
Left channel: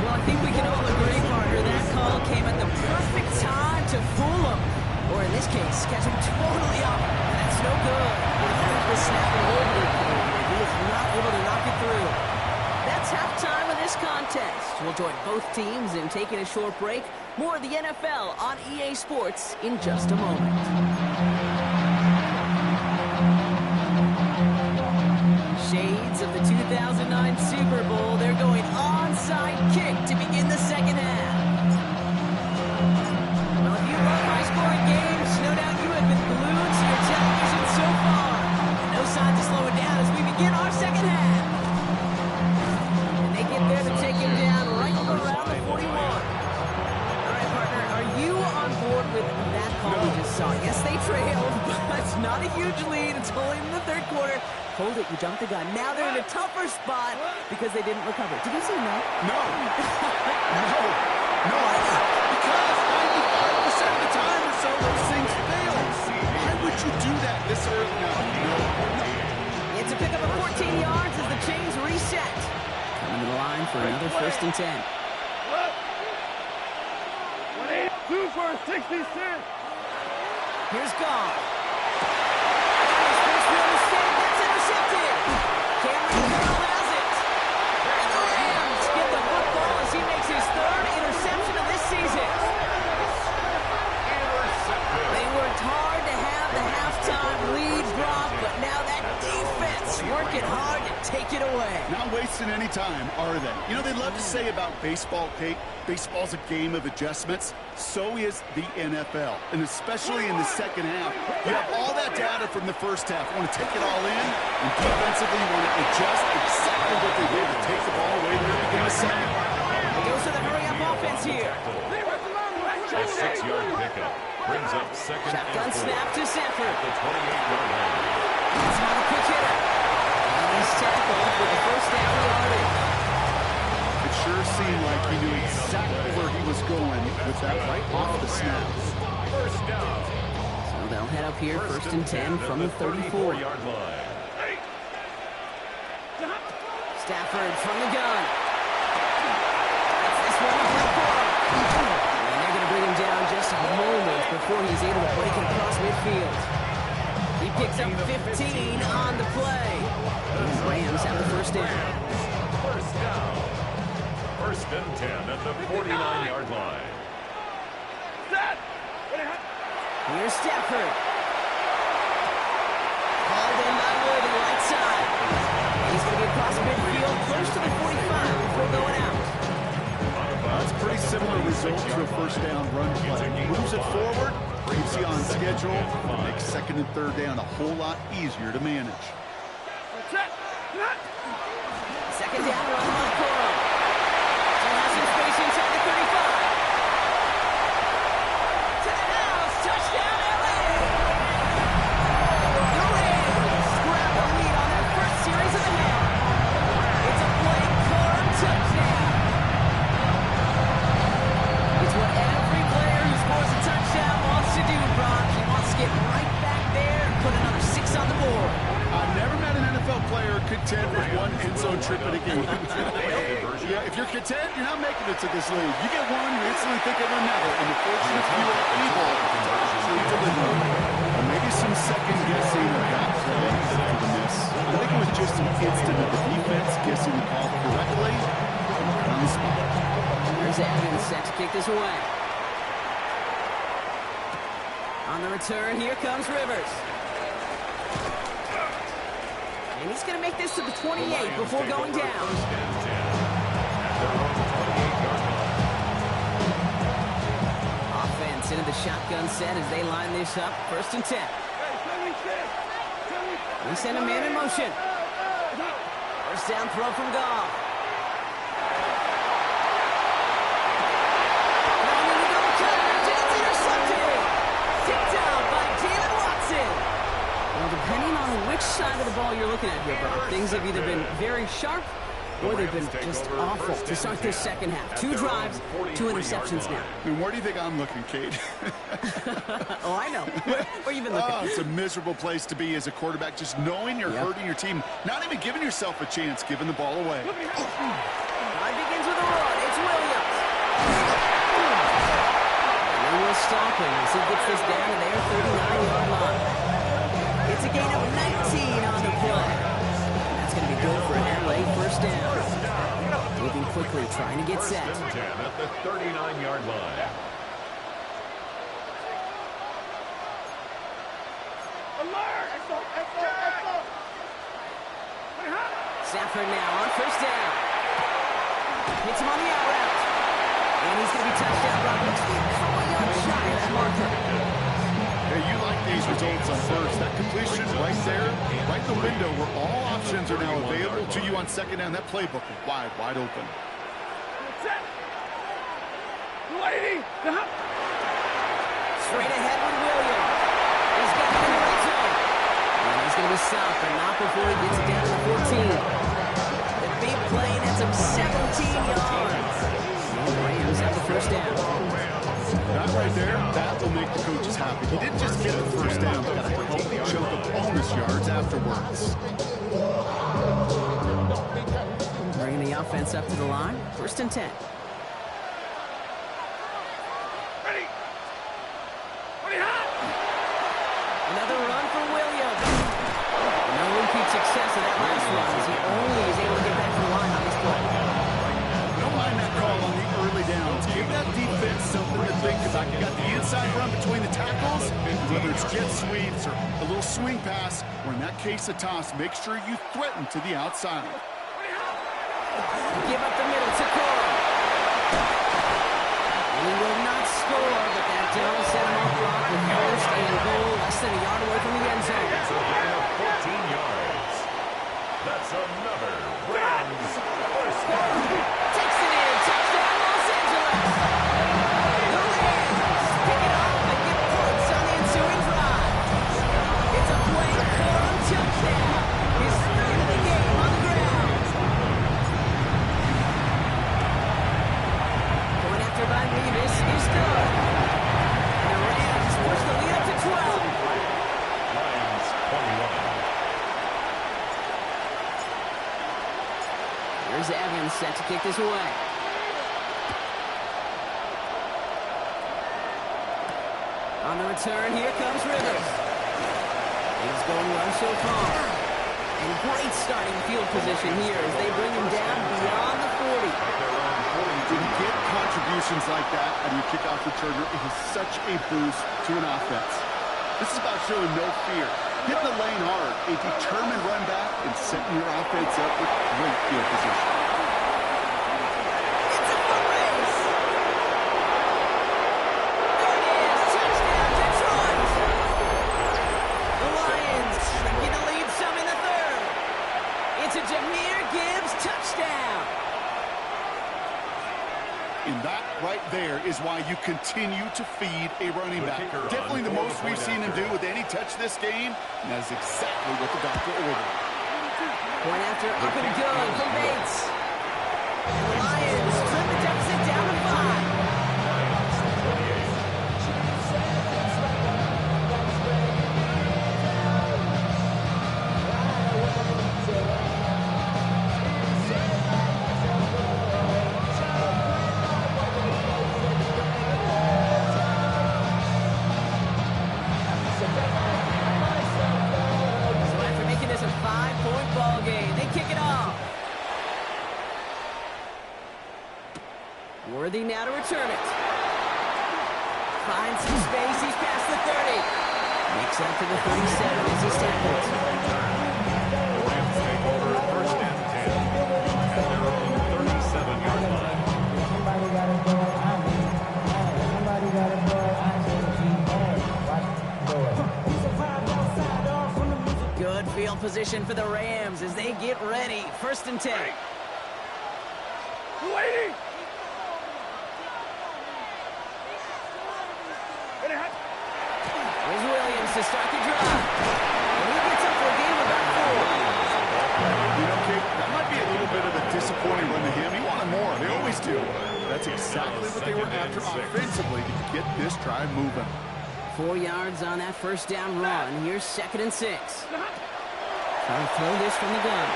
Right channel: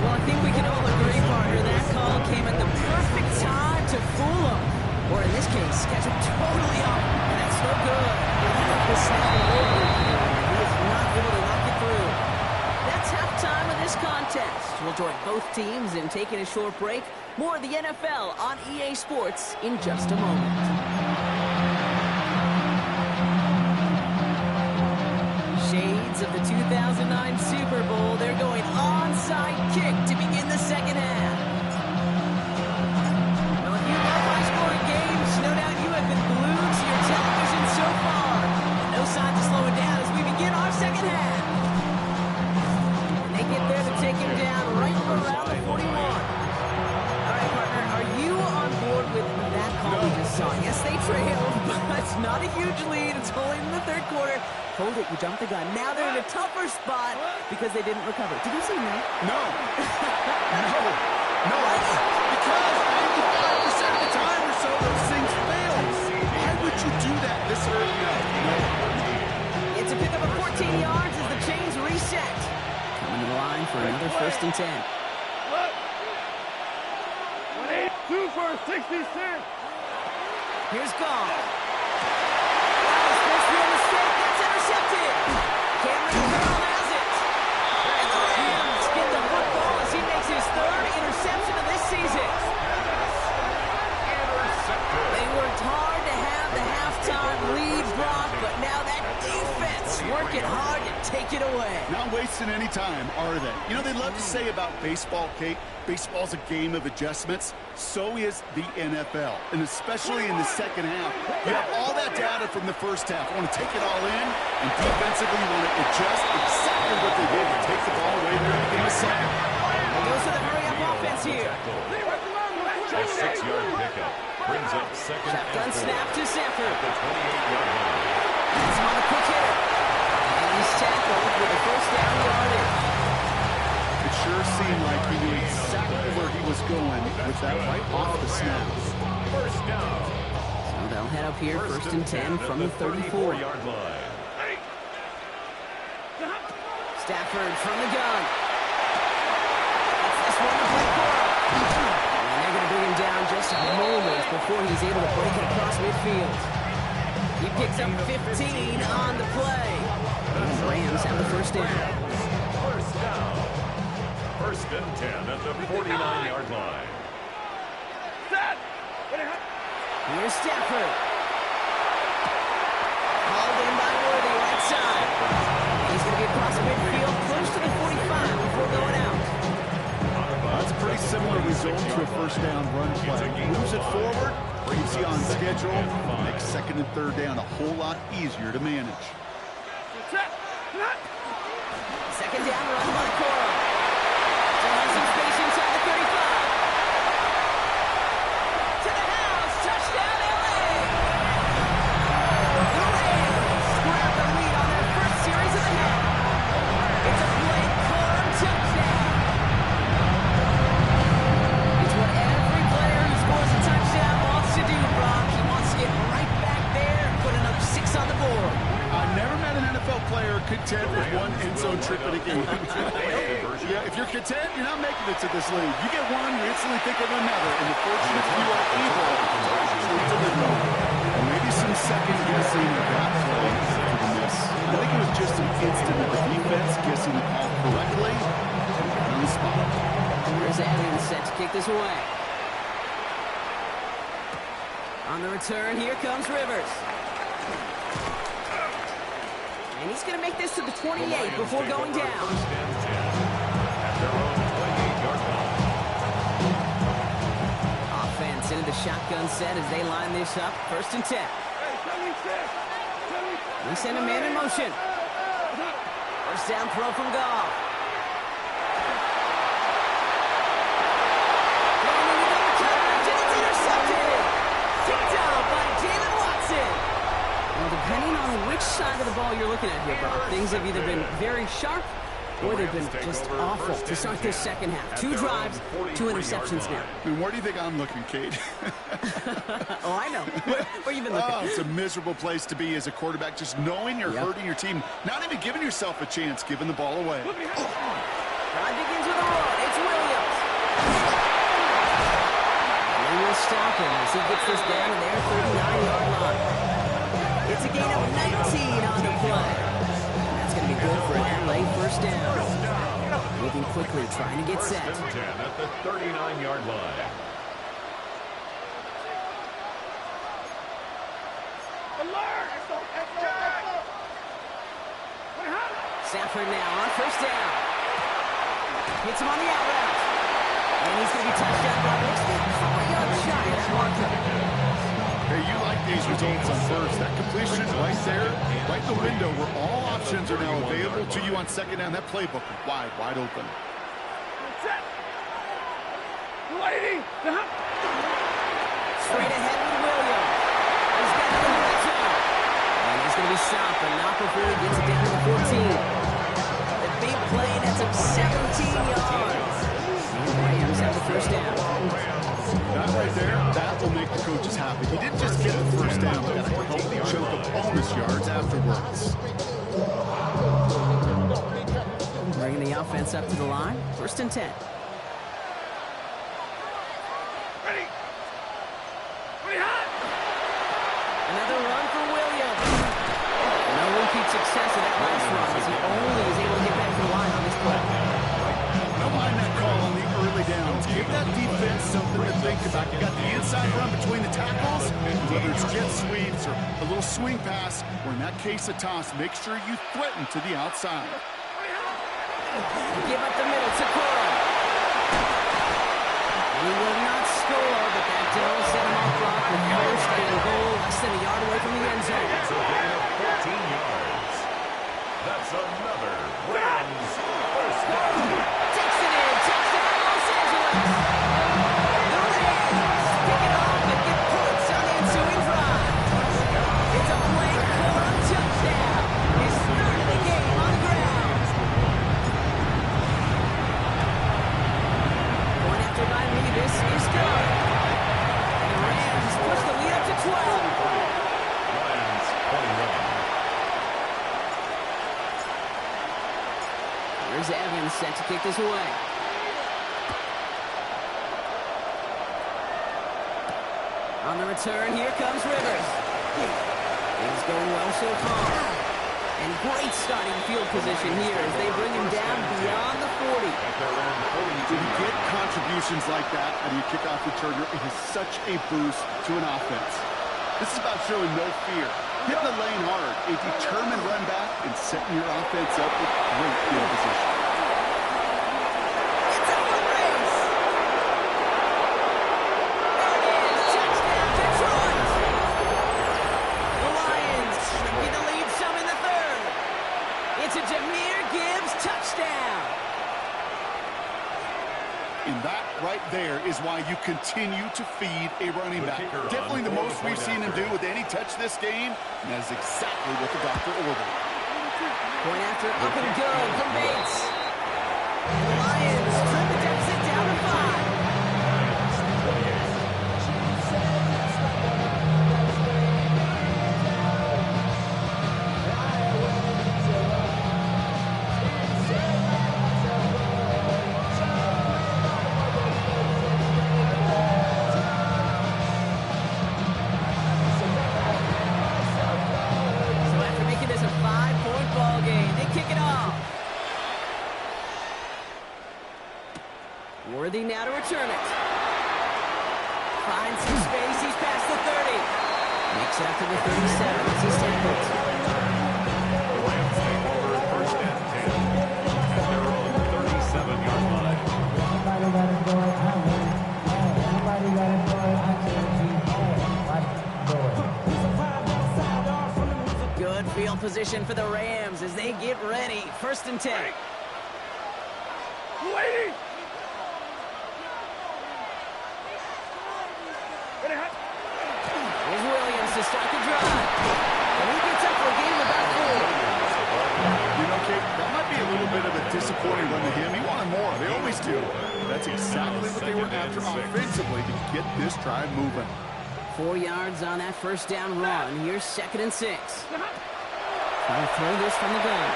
Well, I think we can all agree, partner, that call came at the perfect time to fool him. Or in this case, catch him totally off. And that's no good. I don't think the snap will over and he is not able to knock it through. That's halftime of this contest. We'll join both teams in taking a short break. More of the NFL on EA Sports in just a moment. Shades of the 2009 Super Bowl. They're going onside kick to begin the second half. Well, if you love high-scoring games, no doubt you have been glued to your television so far. And no signs of slowing down as we begin our second half. And they get there to take him down right around the 41. All right, partner, are you on board with that call we just saw? Yes, they trailed, but it's not a huge lead. It's only in the third quarter. Hold it, you jumped the gun. Now they're in a tougher spot because they didn't recover. Did you say no? No. No, because 95% of the time or so, those things fail. Why would you do that this early? No. It's a pickup of 14 yards as the chains reset. Coming to the line for another 1st and 10. 2 for a 66. Here's Goff. That was first real mistake. That's intercepted. Cameron Curl has it. And the Rams get the football as he makes his 3rd interception of this season. They worked hard to have the halftime lead, Brock, but now that defense working hard to take it away. Not wasting any time, are they? You know, they love to say about baseball, Kate, baseball's a game of adjustments. So is the NFL, and especially in the second half. You have all that data from the first half. You want to take it all in, and defensively you want to adjust exactly what they did to take the ball away there in the second. It goes to the hurry-up offense here. A 6-yard pickup brings up second. Shotgun snap to Sanford. At the 28-yard line. He's on a quick hitter. And he's tackled with the first down yardage. It sure seemed like he knew exactly where he was going with that right off the snap. First down. So they'll head up here, 1st and 10 from the 34-yard line. Stafford from the gun. It's this one to play for him. And they're going to bring him down just moments before he's able to break it across midfield. He picks up 15 on the play. And the Rams have the first down. First down. 1st and 10 at the 49-yard line. Here's Stafford. Called in by Worthy, right side. He's going to be across midfield, close to the 45 before going out. That's a pretty similar result to a first down run play. Moves it forward, keeps you on schedule, makes 2nd and 3rd down a whole lot easier to manage. 2nd down run by Corum. Still has some space inside the 35. To the house, touchdown LA! The Rams grab the lead on their first series of the half. It's a Blake Corum touchdown. It's what every player who scores a touchdown wants to do, Brock. He wants to get right back there and put another 6 on the board. I've never met an NFL player content with one end zone trip in a game. Yeah, if you're content, you're not making it to this league. You get one, you instantly think of another, and the fortunate few are able to actually deliver. Or maybe some second guessing of that play for the miss. I think it was just an instant of the defense guessing the call correctly and on the spot. Here's Evans set to kick this away. On the return, here comes Rivers. And he's going to make this to the 28 before going down. First and 10 at their own 28-yard line. Offense into the shotgun set as they line this up. First and 10. They send a man in motion. First down throw from Goff. Going into double coverage, and it's intercepted. Picked out by Jalen Watson. Well, depending on which side of the ball you're looking at here, Brock, things have either been very sharp or they've been just awful to start this second half. 2 drives, 2 interceptions now. And where do you think I'm looking, Kate? Oh, I know. Where you been looking? Oh, it's a miserable place to be as a quarterback, just knowing you're hurting your team, not even giving yourself a chance, giving the ball away. Drive begins with a run. It's Williams. And they will stop him as he gets this down to their 39-yard line. It's a gain of 19 on the play. And that's going to be good for an LA first down. Moving quickly, trying to get set. First and 10 at the 39-yard line. Stafford now on first down. Hits him on the out route. And he's going to be touchdown. Brock looks to be a couple yards shy of that marker. Hey, you like these results on first. That completion right there, right in the window where all options are now available to you on second down. That playbook is wide open. Straight ahead with Williams. He's got it in the red zone. And he's going to be stopped, but not before he gets it down to the 14. The big play, that's him 17 yards. And the Rams have the first down. That right there, that will make the coaches happy. He didn't just get the first down, but got a healthy chunk of bonus yards afterwards. Bringing the offense up to the line. First and 10. Another run for Williams. No repeat success of that last run as he only is able to get back to the line on this play. Don't mind that call on the early downs. Give that defense something to think about. You got the inside run between the tackles, whether it's jet sweeps or a little swing pass, or in that case a toss, make sure you threaten to the outside. Give up the middle to Corum. And he will not score, but that will set him off, Brock, with first and goal, less than a yard away from the end zone. It's a gain of 14 yards. That's another Rams first down. Takes it in. Touchdown, Los Angeles. The Rams pick it off and get points on the ensuing drive. It's a Blake Corum touchdown. His third of the game on the ground. Going after by Revis is good. And the Rams push the lead up to 12. Lions 21. Here's Evans set to kick this away. On the return, here comes Rivers. Things going well so far. And great starting field position here as they bring him down beyond the 40. At their own 42. When you get contributions like that out of your kickoff returner, it is such a boost to an offense. This is about showing no fear, hitting the lane hard, a determined run back, and setting your offense up with great field position. It's a foot race. There it is. Touchdown, Detroit. The Lions shrinking the lead some in the third. It's a Jahmyr Gibbs touchdown. And that right there is why you continue to feed a running back. Definitely the most we've seen him do with any touch this game, and that is exactly what the doctor ordered. Point after up and good from Bates. And the Lions trim the deficit down to 5. Lions 28. This a 5-point ball game. They kick it off. Worthy now to return it. Finds some space. He's past the 30. backs out to the 37 as he's tackled. The Rams take over first and 10 at their own 37-yard line. Somebody gotta do it. I mean, somebody gotta do it. I G. Watch do it. We survived outside all from the music. Good field position for the Rams as they get ready. First and 10. Waiting. Here's Williams to start the drive. And he gets up for a gain of about 4. You know, Kate, that might be a little bit of a disappointing run to him. He wanted more. They always do. That's exactly what they were after offensively to get this drive moving. 4 yards on that first down run. Here's 2nd and 6. Trying to throw this from the gun.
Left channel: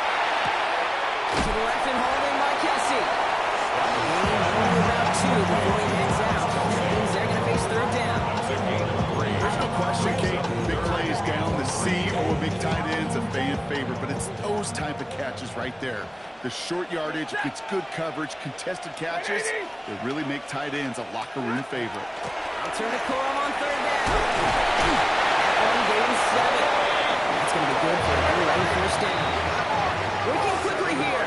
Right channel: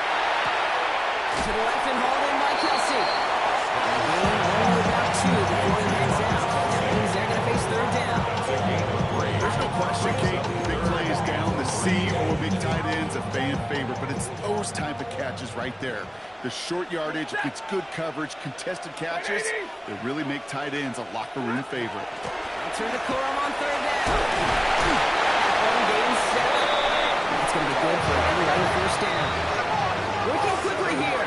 To the left and hauled in by Kelsey. Gain only about 2 before he hangs out. That means they're going to face 3rd down. There's no question, Kate, big plays down the seam or big tight ends a fan favorite, but it's those type of catches right there. The short yardage, it gets good coverage, contested catches, they really make tight ends a locker room favorite. I'll turn to Corum on 3rd down. That one gains 7. That's going to be good for a good first down. Working quickly here.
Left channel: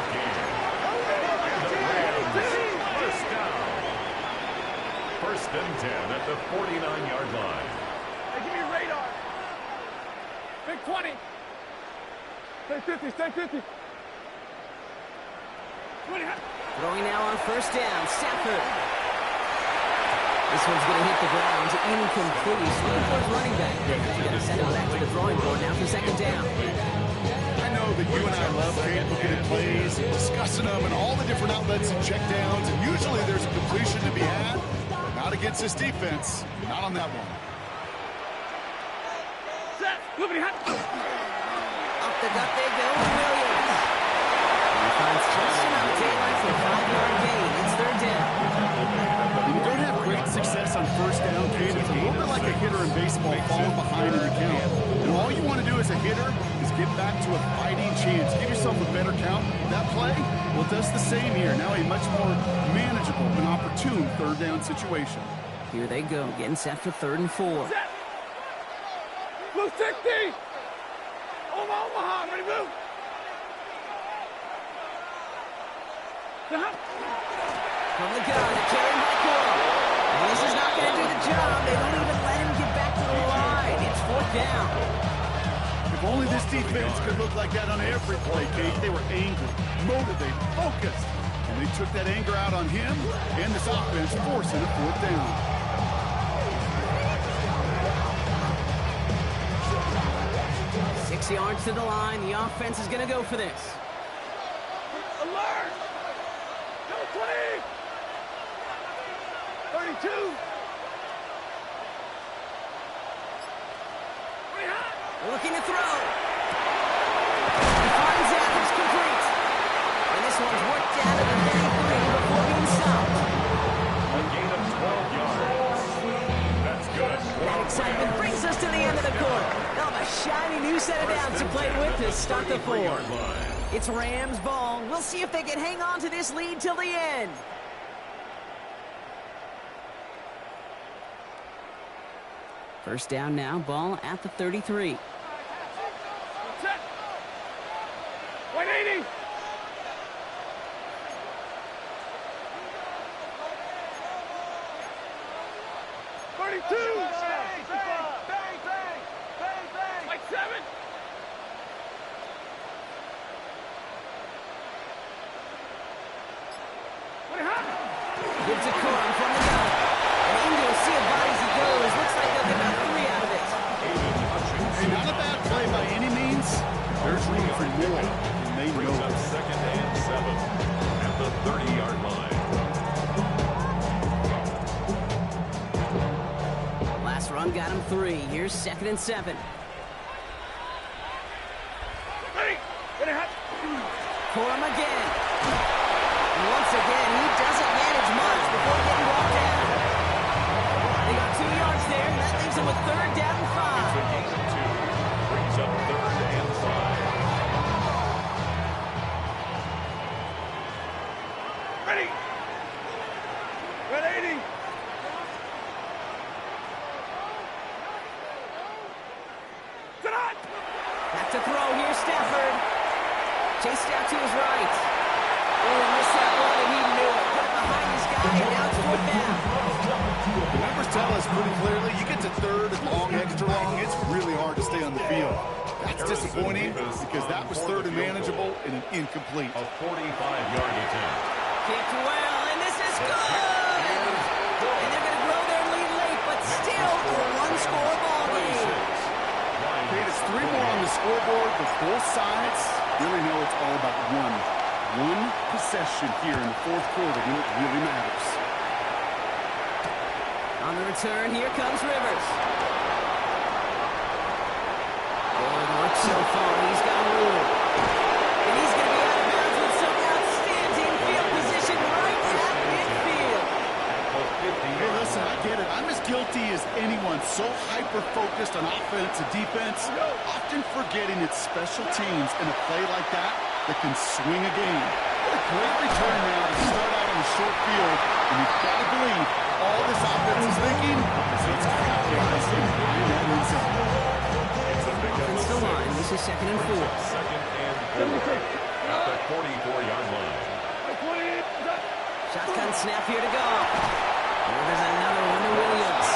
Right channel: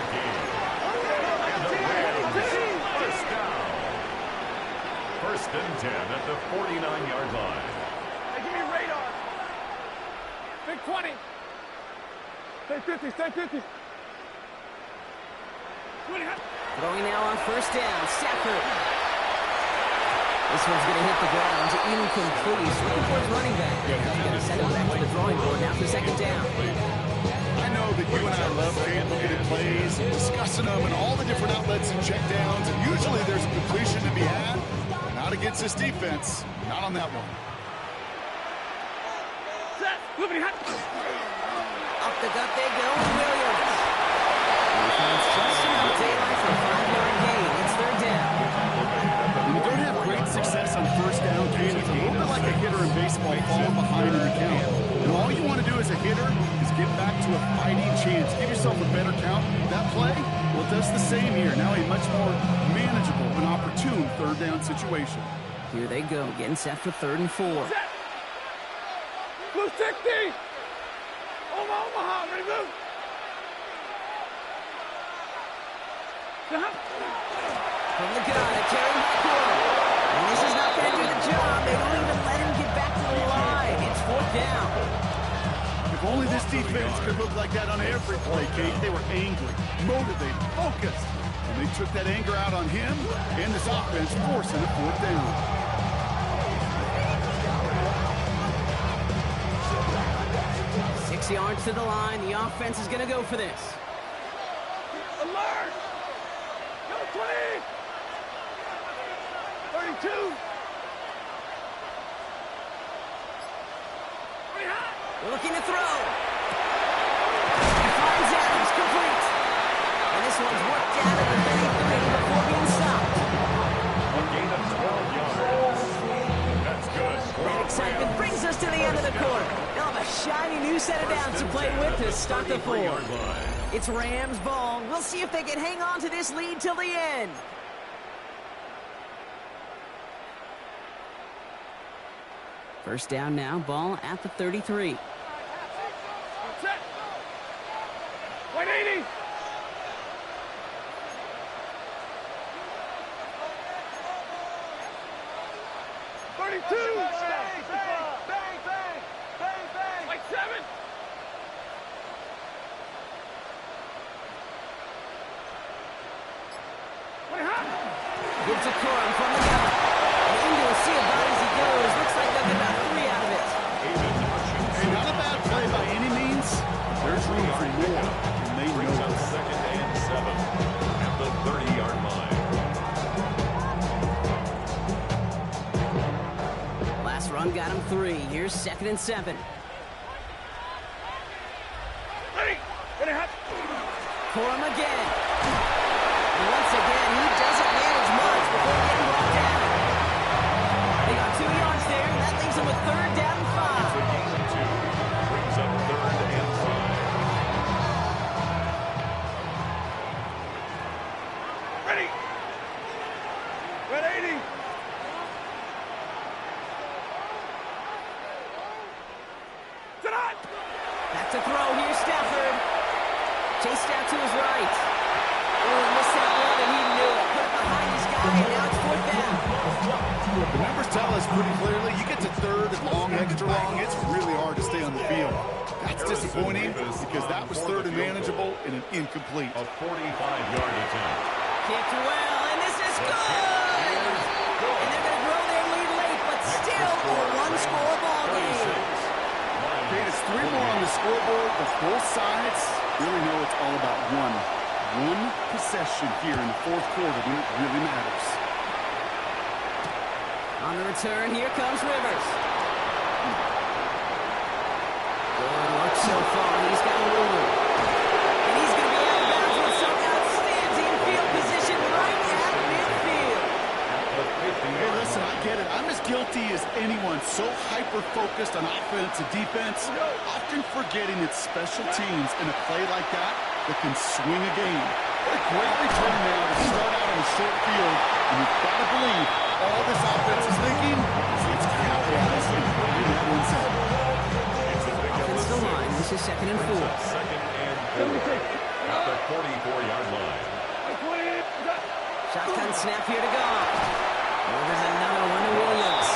First down. First and 10 at the 49-yard line. Hey, give me radar. Big 20. Stay 50, stay 50. 20. Throwing now on first down. Stafford. This one's going to hit the ground. Incomplete. He's looking for his running back there. He's going to send him back to the drawing board now for 2nd down. I know that you and I love, Kate, looking at plays and discussing them and all the different outlets and checkdowns, and usually there's a completion to be had. Not against this defense. Not on that one. Set. Whoopin hot. Up the gut they go with Williams. He finds just enough daylight for a 5-yard gain. It's 3rd down. When you don't have great success on first down, Kate, it's a little bit like a hitter in baseball falling behind in the count. And all you want to do as a hitter is get back to a fighting chance. Give yourself a better count. That play, well, it does the same here. Now a much more manageable and opportune 3rd down situation. Here they go, getting set for 3rd and 4. Set. Blue 60. Omaha, ready to move. From the gun, a carry by Corum. And this is not going to do the job. They don't even let him get back to the line. It's 4th down. If only this defense could look like that on every play, Kate. They were angry, motivated, focused. And they took that anger out on him and this offense, forcing a 4th down. Six yards to the line. The offense is going to go for this. Alert. Number 20. 32. Looking to throw. He finds Adams, complete. And this one's worked down to the 33 before being stopped. A gain of 12 yards. That's good. That excitement brings us to the end of the quarter. They'll have a shiny new set of downs to play with to start the 4th. It's Rams ball. We'll see if they can hang on to this lead till the end. First down now, ball at the 33. Set. 180. Bang, bang, bang, bang, bang. Like 7. Gives it Corum from the gun. And into a sea of bodies he goes. Looks like they'll get about 3 out of it. Hey, not a bad play by any means. There's room for more, and they know Brings up it. 2nd and 7 at the 30-yard line. Last run got him 3. Here's 2nd and 7. Ready. Ready, hot. Corum again. And once again, he doesn't manage much before getting brought down. They got 2 yards there, and that leaves them with 3rd down and 5. It's a gain of 2. Brings up 3rd and 5. Ready. 180. Back to throw. Here's Stafford. Chased out to his right. Oh, he missed that one, and he knew it. Put it behind his guy, and now it's 4th down. The numbers tell us pretty clearly, you get to 3rd and long, extra long, it's really hard to stay on the field. That's disappointing because that was 3rd and manageable and an incomplete. A 45-yard attempt. Kicked well, and this is good! And they're going to grow their lead late, but still a one-score ball game. Okay, it's 3 more on the scoreboard, but both sides really know it's all about one possession here in the 4th quarter when it really matters. On the return, here comes Rivers. Good work so far. He's got room. And he's going to be out of bounds with some outstanding field position right at midfield. Hey, listen, I get it. I'm as guilty as anyone. So hyper-focused on offense and defense, often forgetting it's special teams in a play like that can swing a game. What a great return now to start out on the short field. And you've got to believe all this offense is thinking is let's capitalize and in that end zone. Offensive line. This is 2nd and 4. 2nd and 4 at the 44-yard line. Shotgun snap here to go. Oh, there's another one to Williams.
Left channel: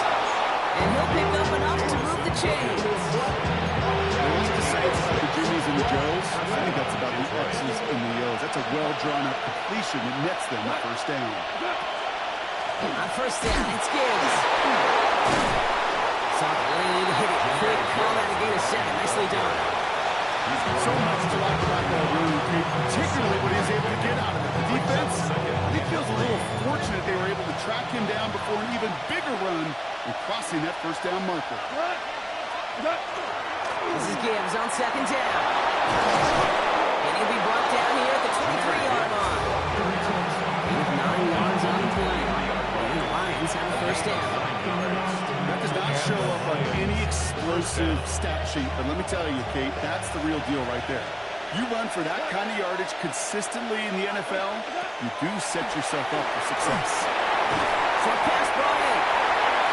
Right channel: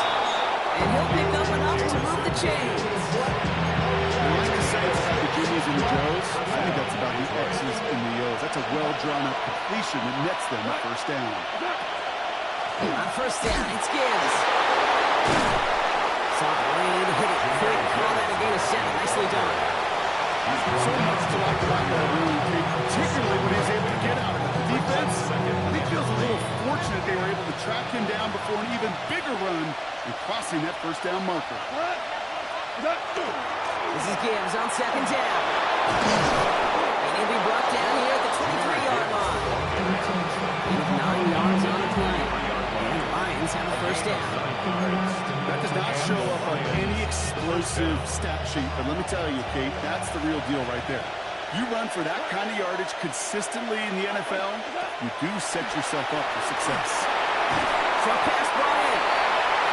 And he'll pick up enough to move the chains. They like to say it's about the Jimmies and the Joes. I think that's about the X's and the O's. That's a well-drawn-up completion that nets them a 1st down. On 1st down, it's Gibbs. Saw the lane, hit it quick, call that a gain of 7. Nicely done. So much to like about that run, particularly when he was able to get out of it. The defense, I think, feels a little fortunate they were able to track him down before an even bigger run and crossing that 1st down marker. This is Gibbs on 2nd down. And he'll be brought down here at the 23-yard line. With 9 yards on the play. And the Lions have a 1st down. That does not show up on any explosive stat sheet, but let me tell you, Kate, that's the real deal right there. You run for that kind of yardage consistently in the NFL, you do set yourself up for success. Short pass brought in.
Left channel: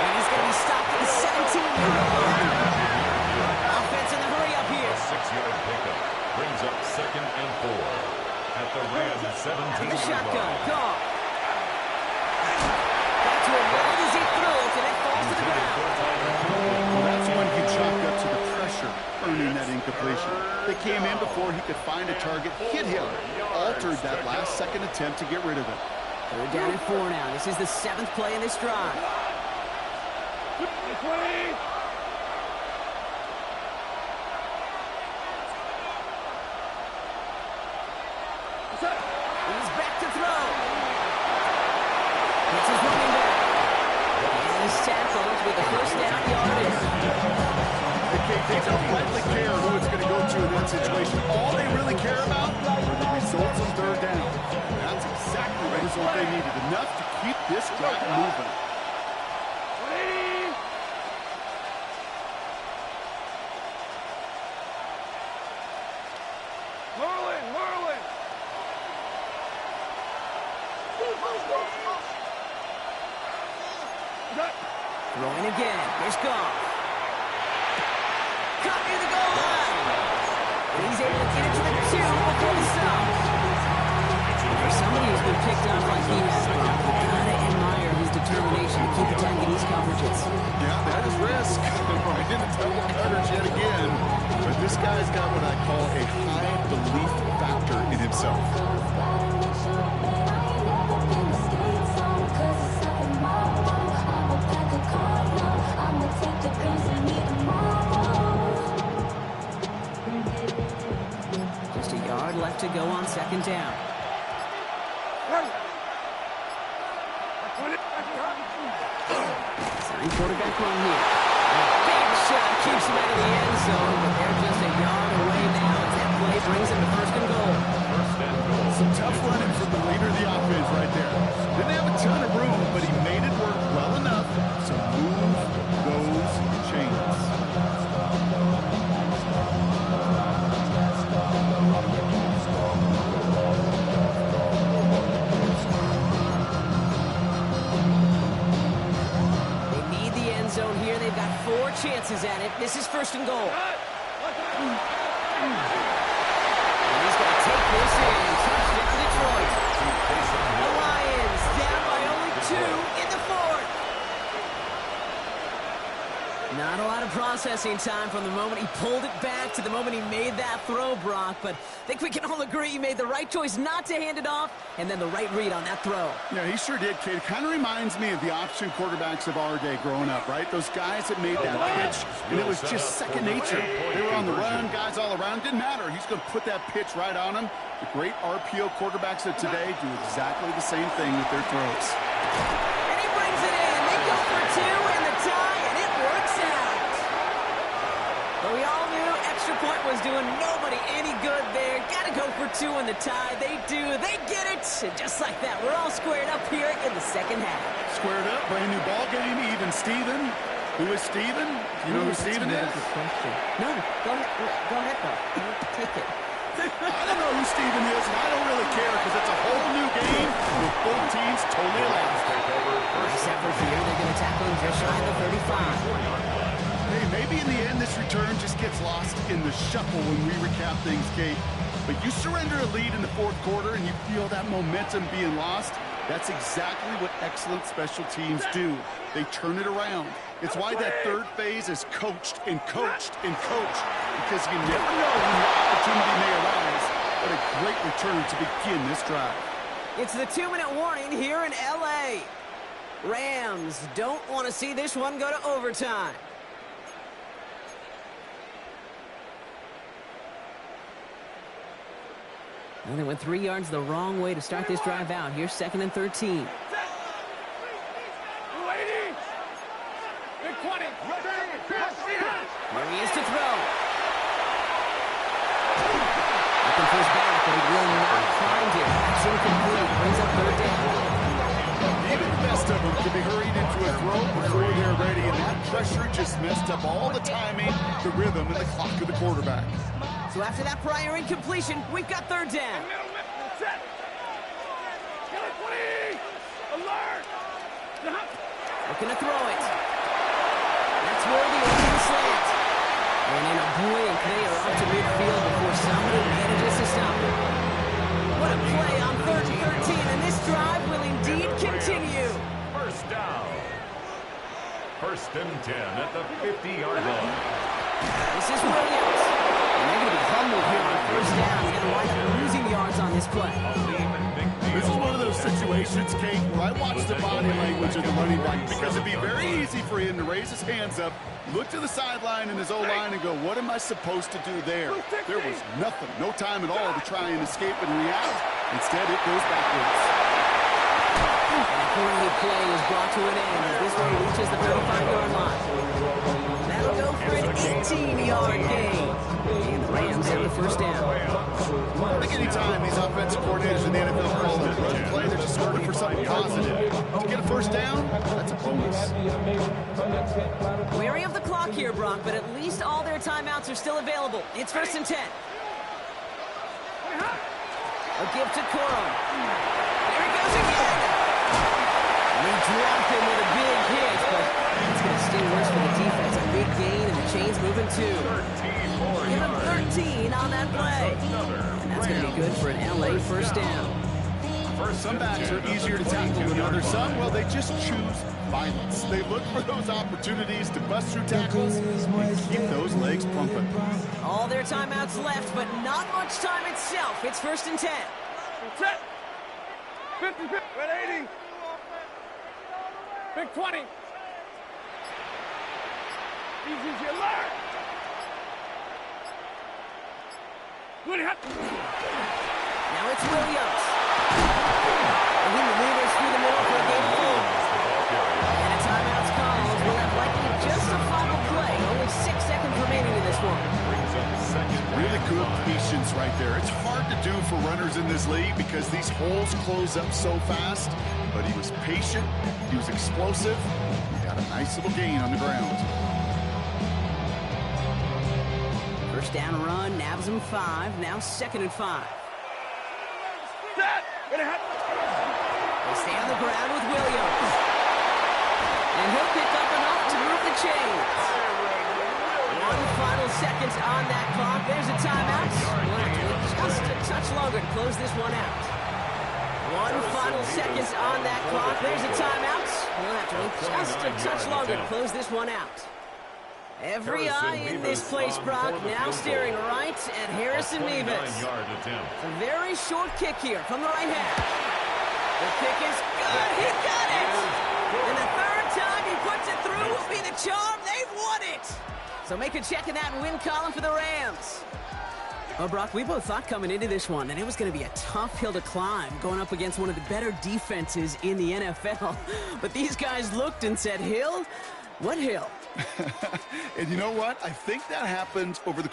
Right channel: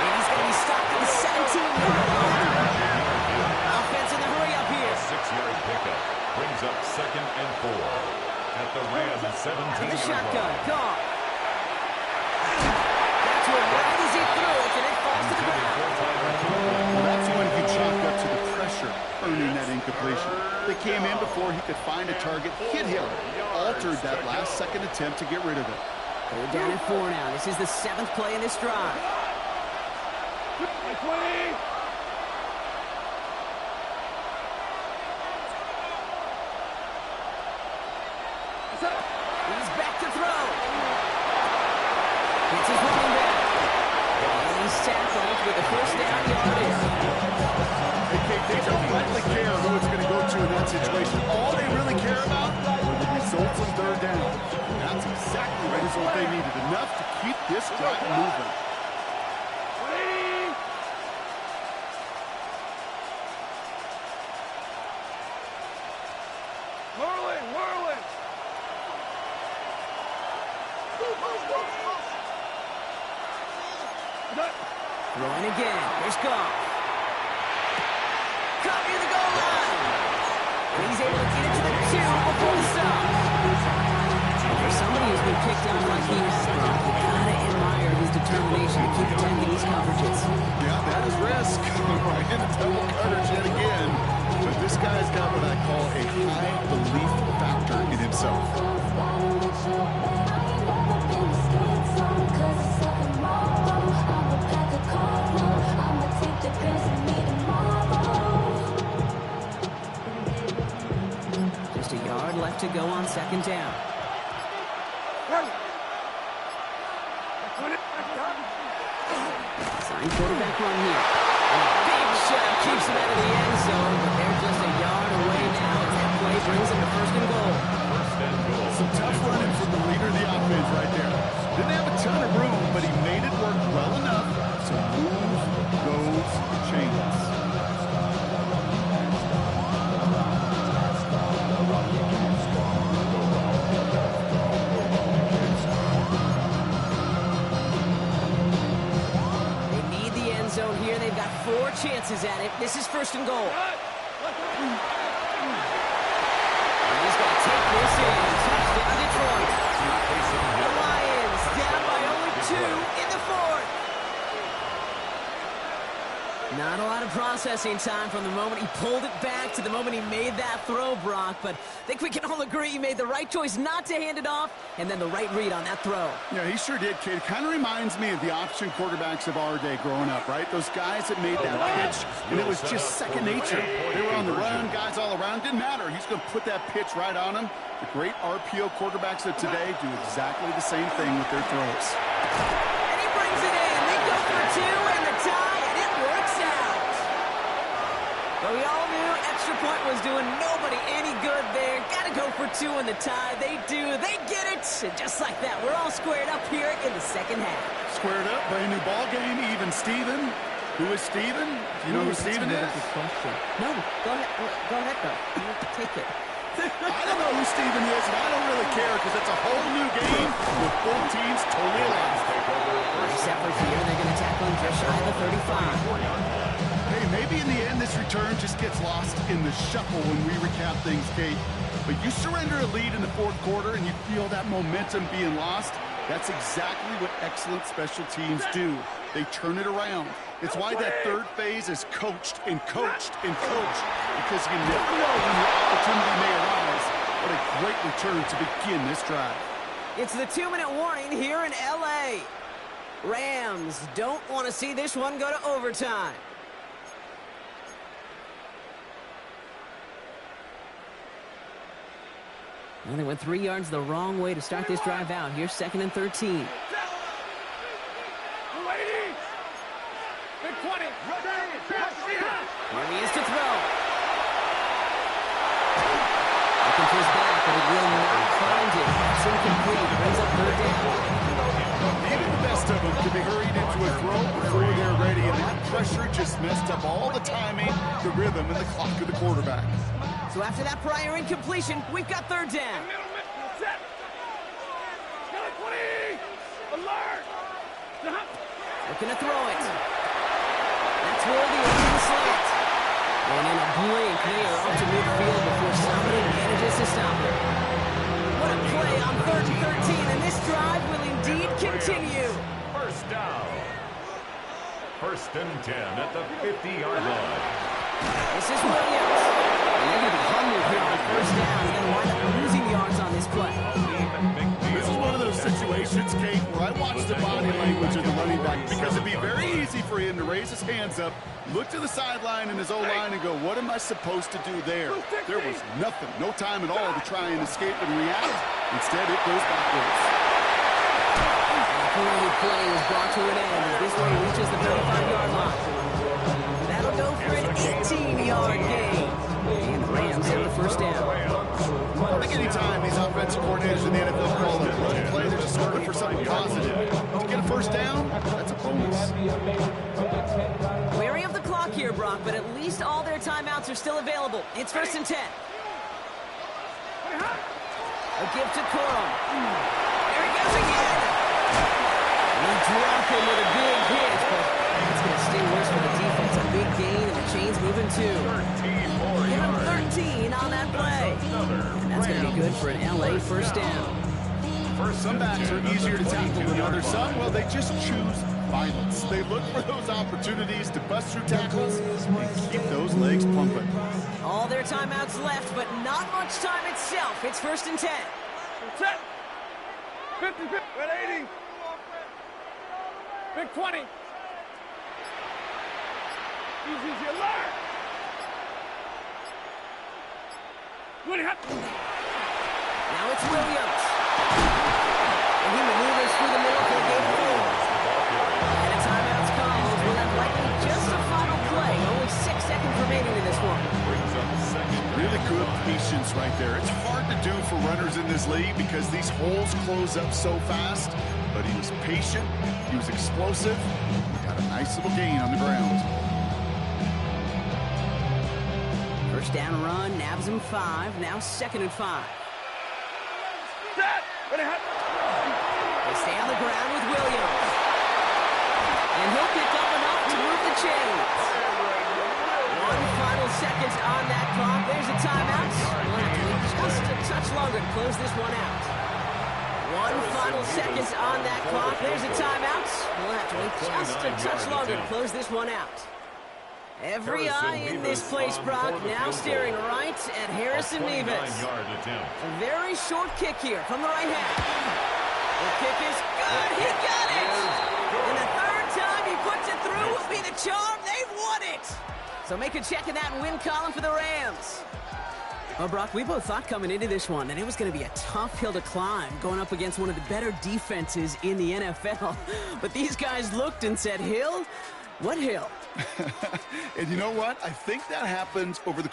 And he's going to be stopped at the 17-yard line. Offense in the hurry up here. A 6-yard pickup brings up 2nd and 4 at the Rams 17-yard The shotgun, line. gone. That's where right as he threw it, and it falls to the ground. Well, that's when he chalked up to the pressure, earning that incompletion. They came in before he could find a target, hit him, altered that last-second attempt to get rid of it. 3rd down and 4 now. This is the 7th play in this drive. He's back to throw. It's his running back. And he's tackled with the 1st down yardage. They don't likely care who it's going to go to in that situation. All they really care about are the results on 3rd down. And that's exactly the result they needed. Enough to keep this drive moving. Whirling! Throwing again. Here's Goff. Caught near the goal line. And he's able to get it to the 2 before the stop. For somebody who's been picked off like he has, Brock, you gotta admire his determination to keep attacking these coverages. Yeah, that is risk. Right into double coverage yet again. But this guy's got what I call a high belief factor in himself. Just a yard left to go on 2nd down. Sign quarterback run here. Big shot keeps him out of the end zone, but they're just a yard away now as that play brings him to 1st and goal. Some tough running from the leader of the offense right there. Didn't have a ton of room, but he made it work well enough to move those chains. They need the end zone here. They've got 4 chances at it. This is 1st and goal. He's going to take this in. Touchdown, Detroit. The Lions down by only 2 in the 4th. Not a lot of processing time from the moment he pulled it back to the moment he made that throw, Brock. But I think we can all agree he made the right choice not to hand it off, and then the right read on that throw. Yeah, he sure did, kid. It kind of reminds me of the option quarterbacks of our day growing up, right? Those guys that made that pitch, and it was just second nature. They were on the run, guys all around. Didn't matter. He's going to put that pitch right on him. The great RPO quarterbacks of today do exactly the same thing with their throws. And he brings it in. They go for 2 and the tie, and it works out. But we all knew extra point was doing nobody any good there. Got to go for 2 in the tie. They do. They get it. And just like that, we're all squared up here in the second half. Squared up, brand new ball game, even Steven. Who is Steven? Do you know who Steven is? No, go ahead. Go ahead, though. You take it. I don't know who Steven is, and I don't really care because it's a whole new game with both teams totally alive. Nice effort here. They're going to tackle him just shy of the 35. Hey, maybe in the end this return just gets lost in the shuffle when we recap things, Kate. But you surrender a lead in the 4th quarter and you feel that momentum being lost. That's exactly what excellent special teams do. They turn it around. It's why that 3rd phase is coached and coached and coached, because you never know when your opportunity may arise. What a great return to begin this drive. It's the 2-minute warning here in L.A. Rams don't want to see this one go to overtime. Well, they went 3 yards the wrong way to start this drive out. Here's 2nd and 13. Big 20. Here he is to throw. Looking for his back, but he will not find it. That's incomplete. Brings up 3rd down. Even the best of them can be hurried into a throw before they're ready, and that pressure just messed up all the timing, the rhythm, and the clock of the quarterback. So after that prior incompletion, we've got 3rd down. Set. 20. Alert. Looking to throw it. That's worthy over the slant. And in a blink, they are up to midfield before somebody manages to stop them. What a play on 3rd and 13, and this drive will indeed continue. First down. 1st and 10 at the 50-yard line. This is Williams. And they're going to be humbled here on 1st down. They're going to wind up losing yards on this play. This is one of those situations, Kate, where I watch the body language of the running back, because it'd be very easy for him to raise his hands up, look to the sideline in his O-line and go, what am I supposed to do there? There was nothing, no time at all to try and escape and react. Instead, it goes backwards. And a great play is brought to an end as this one reaches the 35-yard line. That'll go for an 18-yard gain. And the Rams have the 1st down. I think any time these offensive coordinators in the NFL call a run play, they're just looking for something positive. To get a 1st down, that's a bonus. Wary of the clock here, Brock, but at least all their timeouts are still available. It's 1st and 10. A give to Corum. There he goes again. And they drop him with a big hit, but it's going to sting worse for the defense. A big gain, and the chain's moving too. 13 more Give him yards. 13 on that play. And that's going to be good for an L.A. 1st down. Some backs are easier to tackle than others. Some, well, they just choose violence. They look for those opportunities to bust through tackles and keep those legs pumping. All their timeouts left, but not much time itself. It's 1st and 10. Set. 50. Red 80. Big 20. Easy, alert. Now it's Williams. And he maneuvers through the middle for a gain of 4. And a timeout's called. We'll have likely just a final play. Only 6 seconds remaining in this one. Really good patience right there. It's hard to do for runners in this league because these holes close up so fast. But he was patient. He was explosive. He got a nice little gain on the ground. 1st down run, nabs him 5. Now 2nd and 5. Set. Ready, hot. They stay on the ground with Williams. And he'll pick up enough to move the chains. One final final seconds on that clock. There's a timeout. We'll have to wait just a touch longer to close this one out. One final seconds on that clock. There's a timeout. We'll have to wait just a touch longer to close this one out. Every eye in this place, Brock, now staring right at Harrison Mevis. A very short kick here from the right half. The kick is good. He got it. And the third time he puts it through will be the charm. They've won it. So make a check in that win column for the Rams. Well, Brock, we both thought coming into this one that it was going to be a tough hill to climb going up against one of the better defenses in the NFL. But these guys looked and said, Hill? What hill? And you know what? I think that happened over the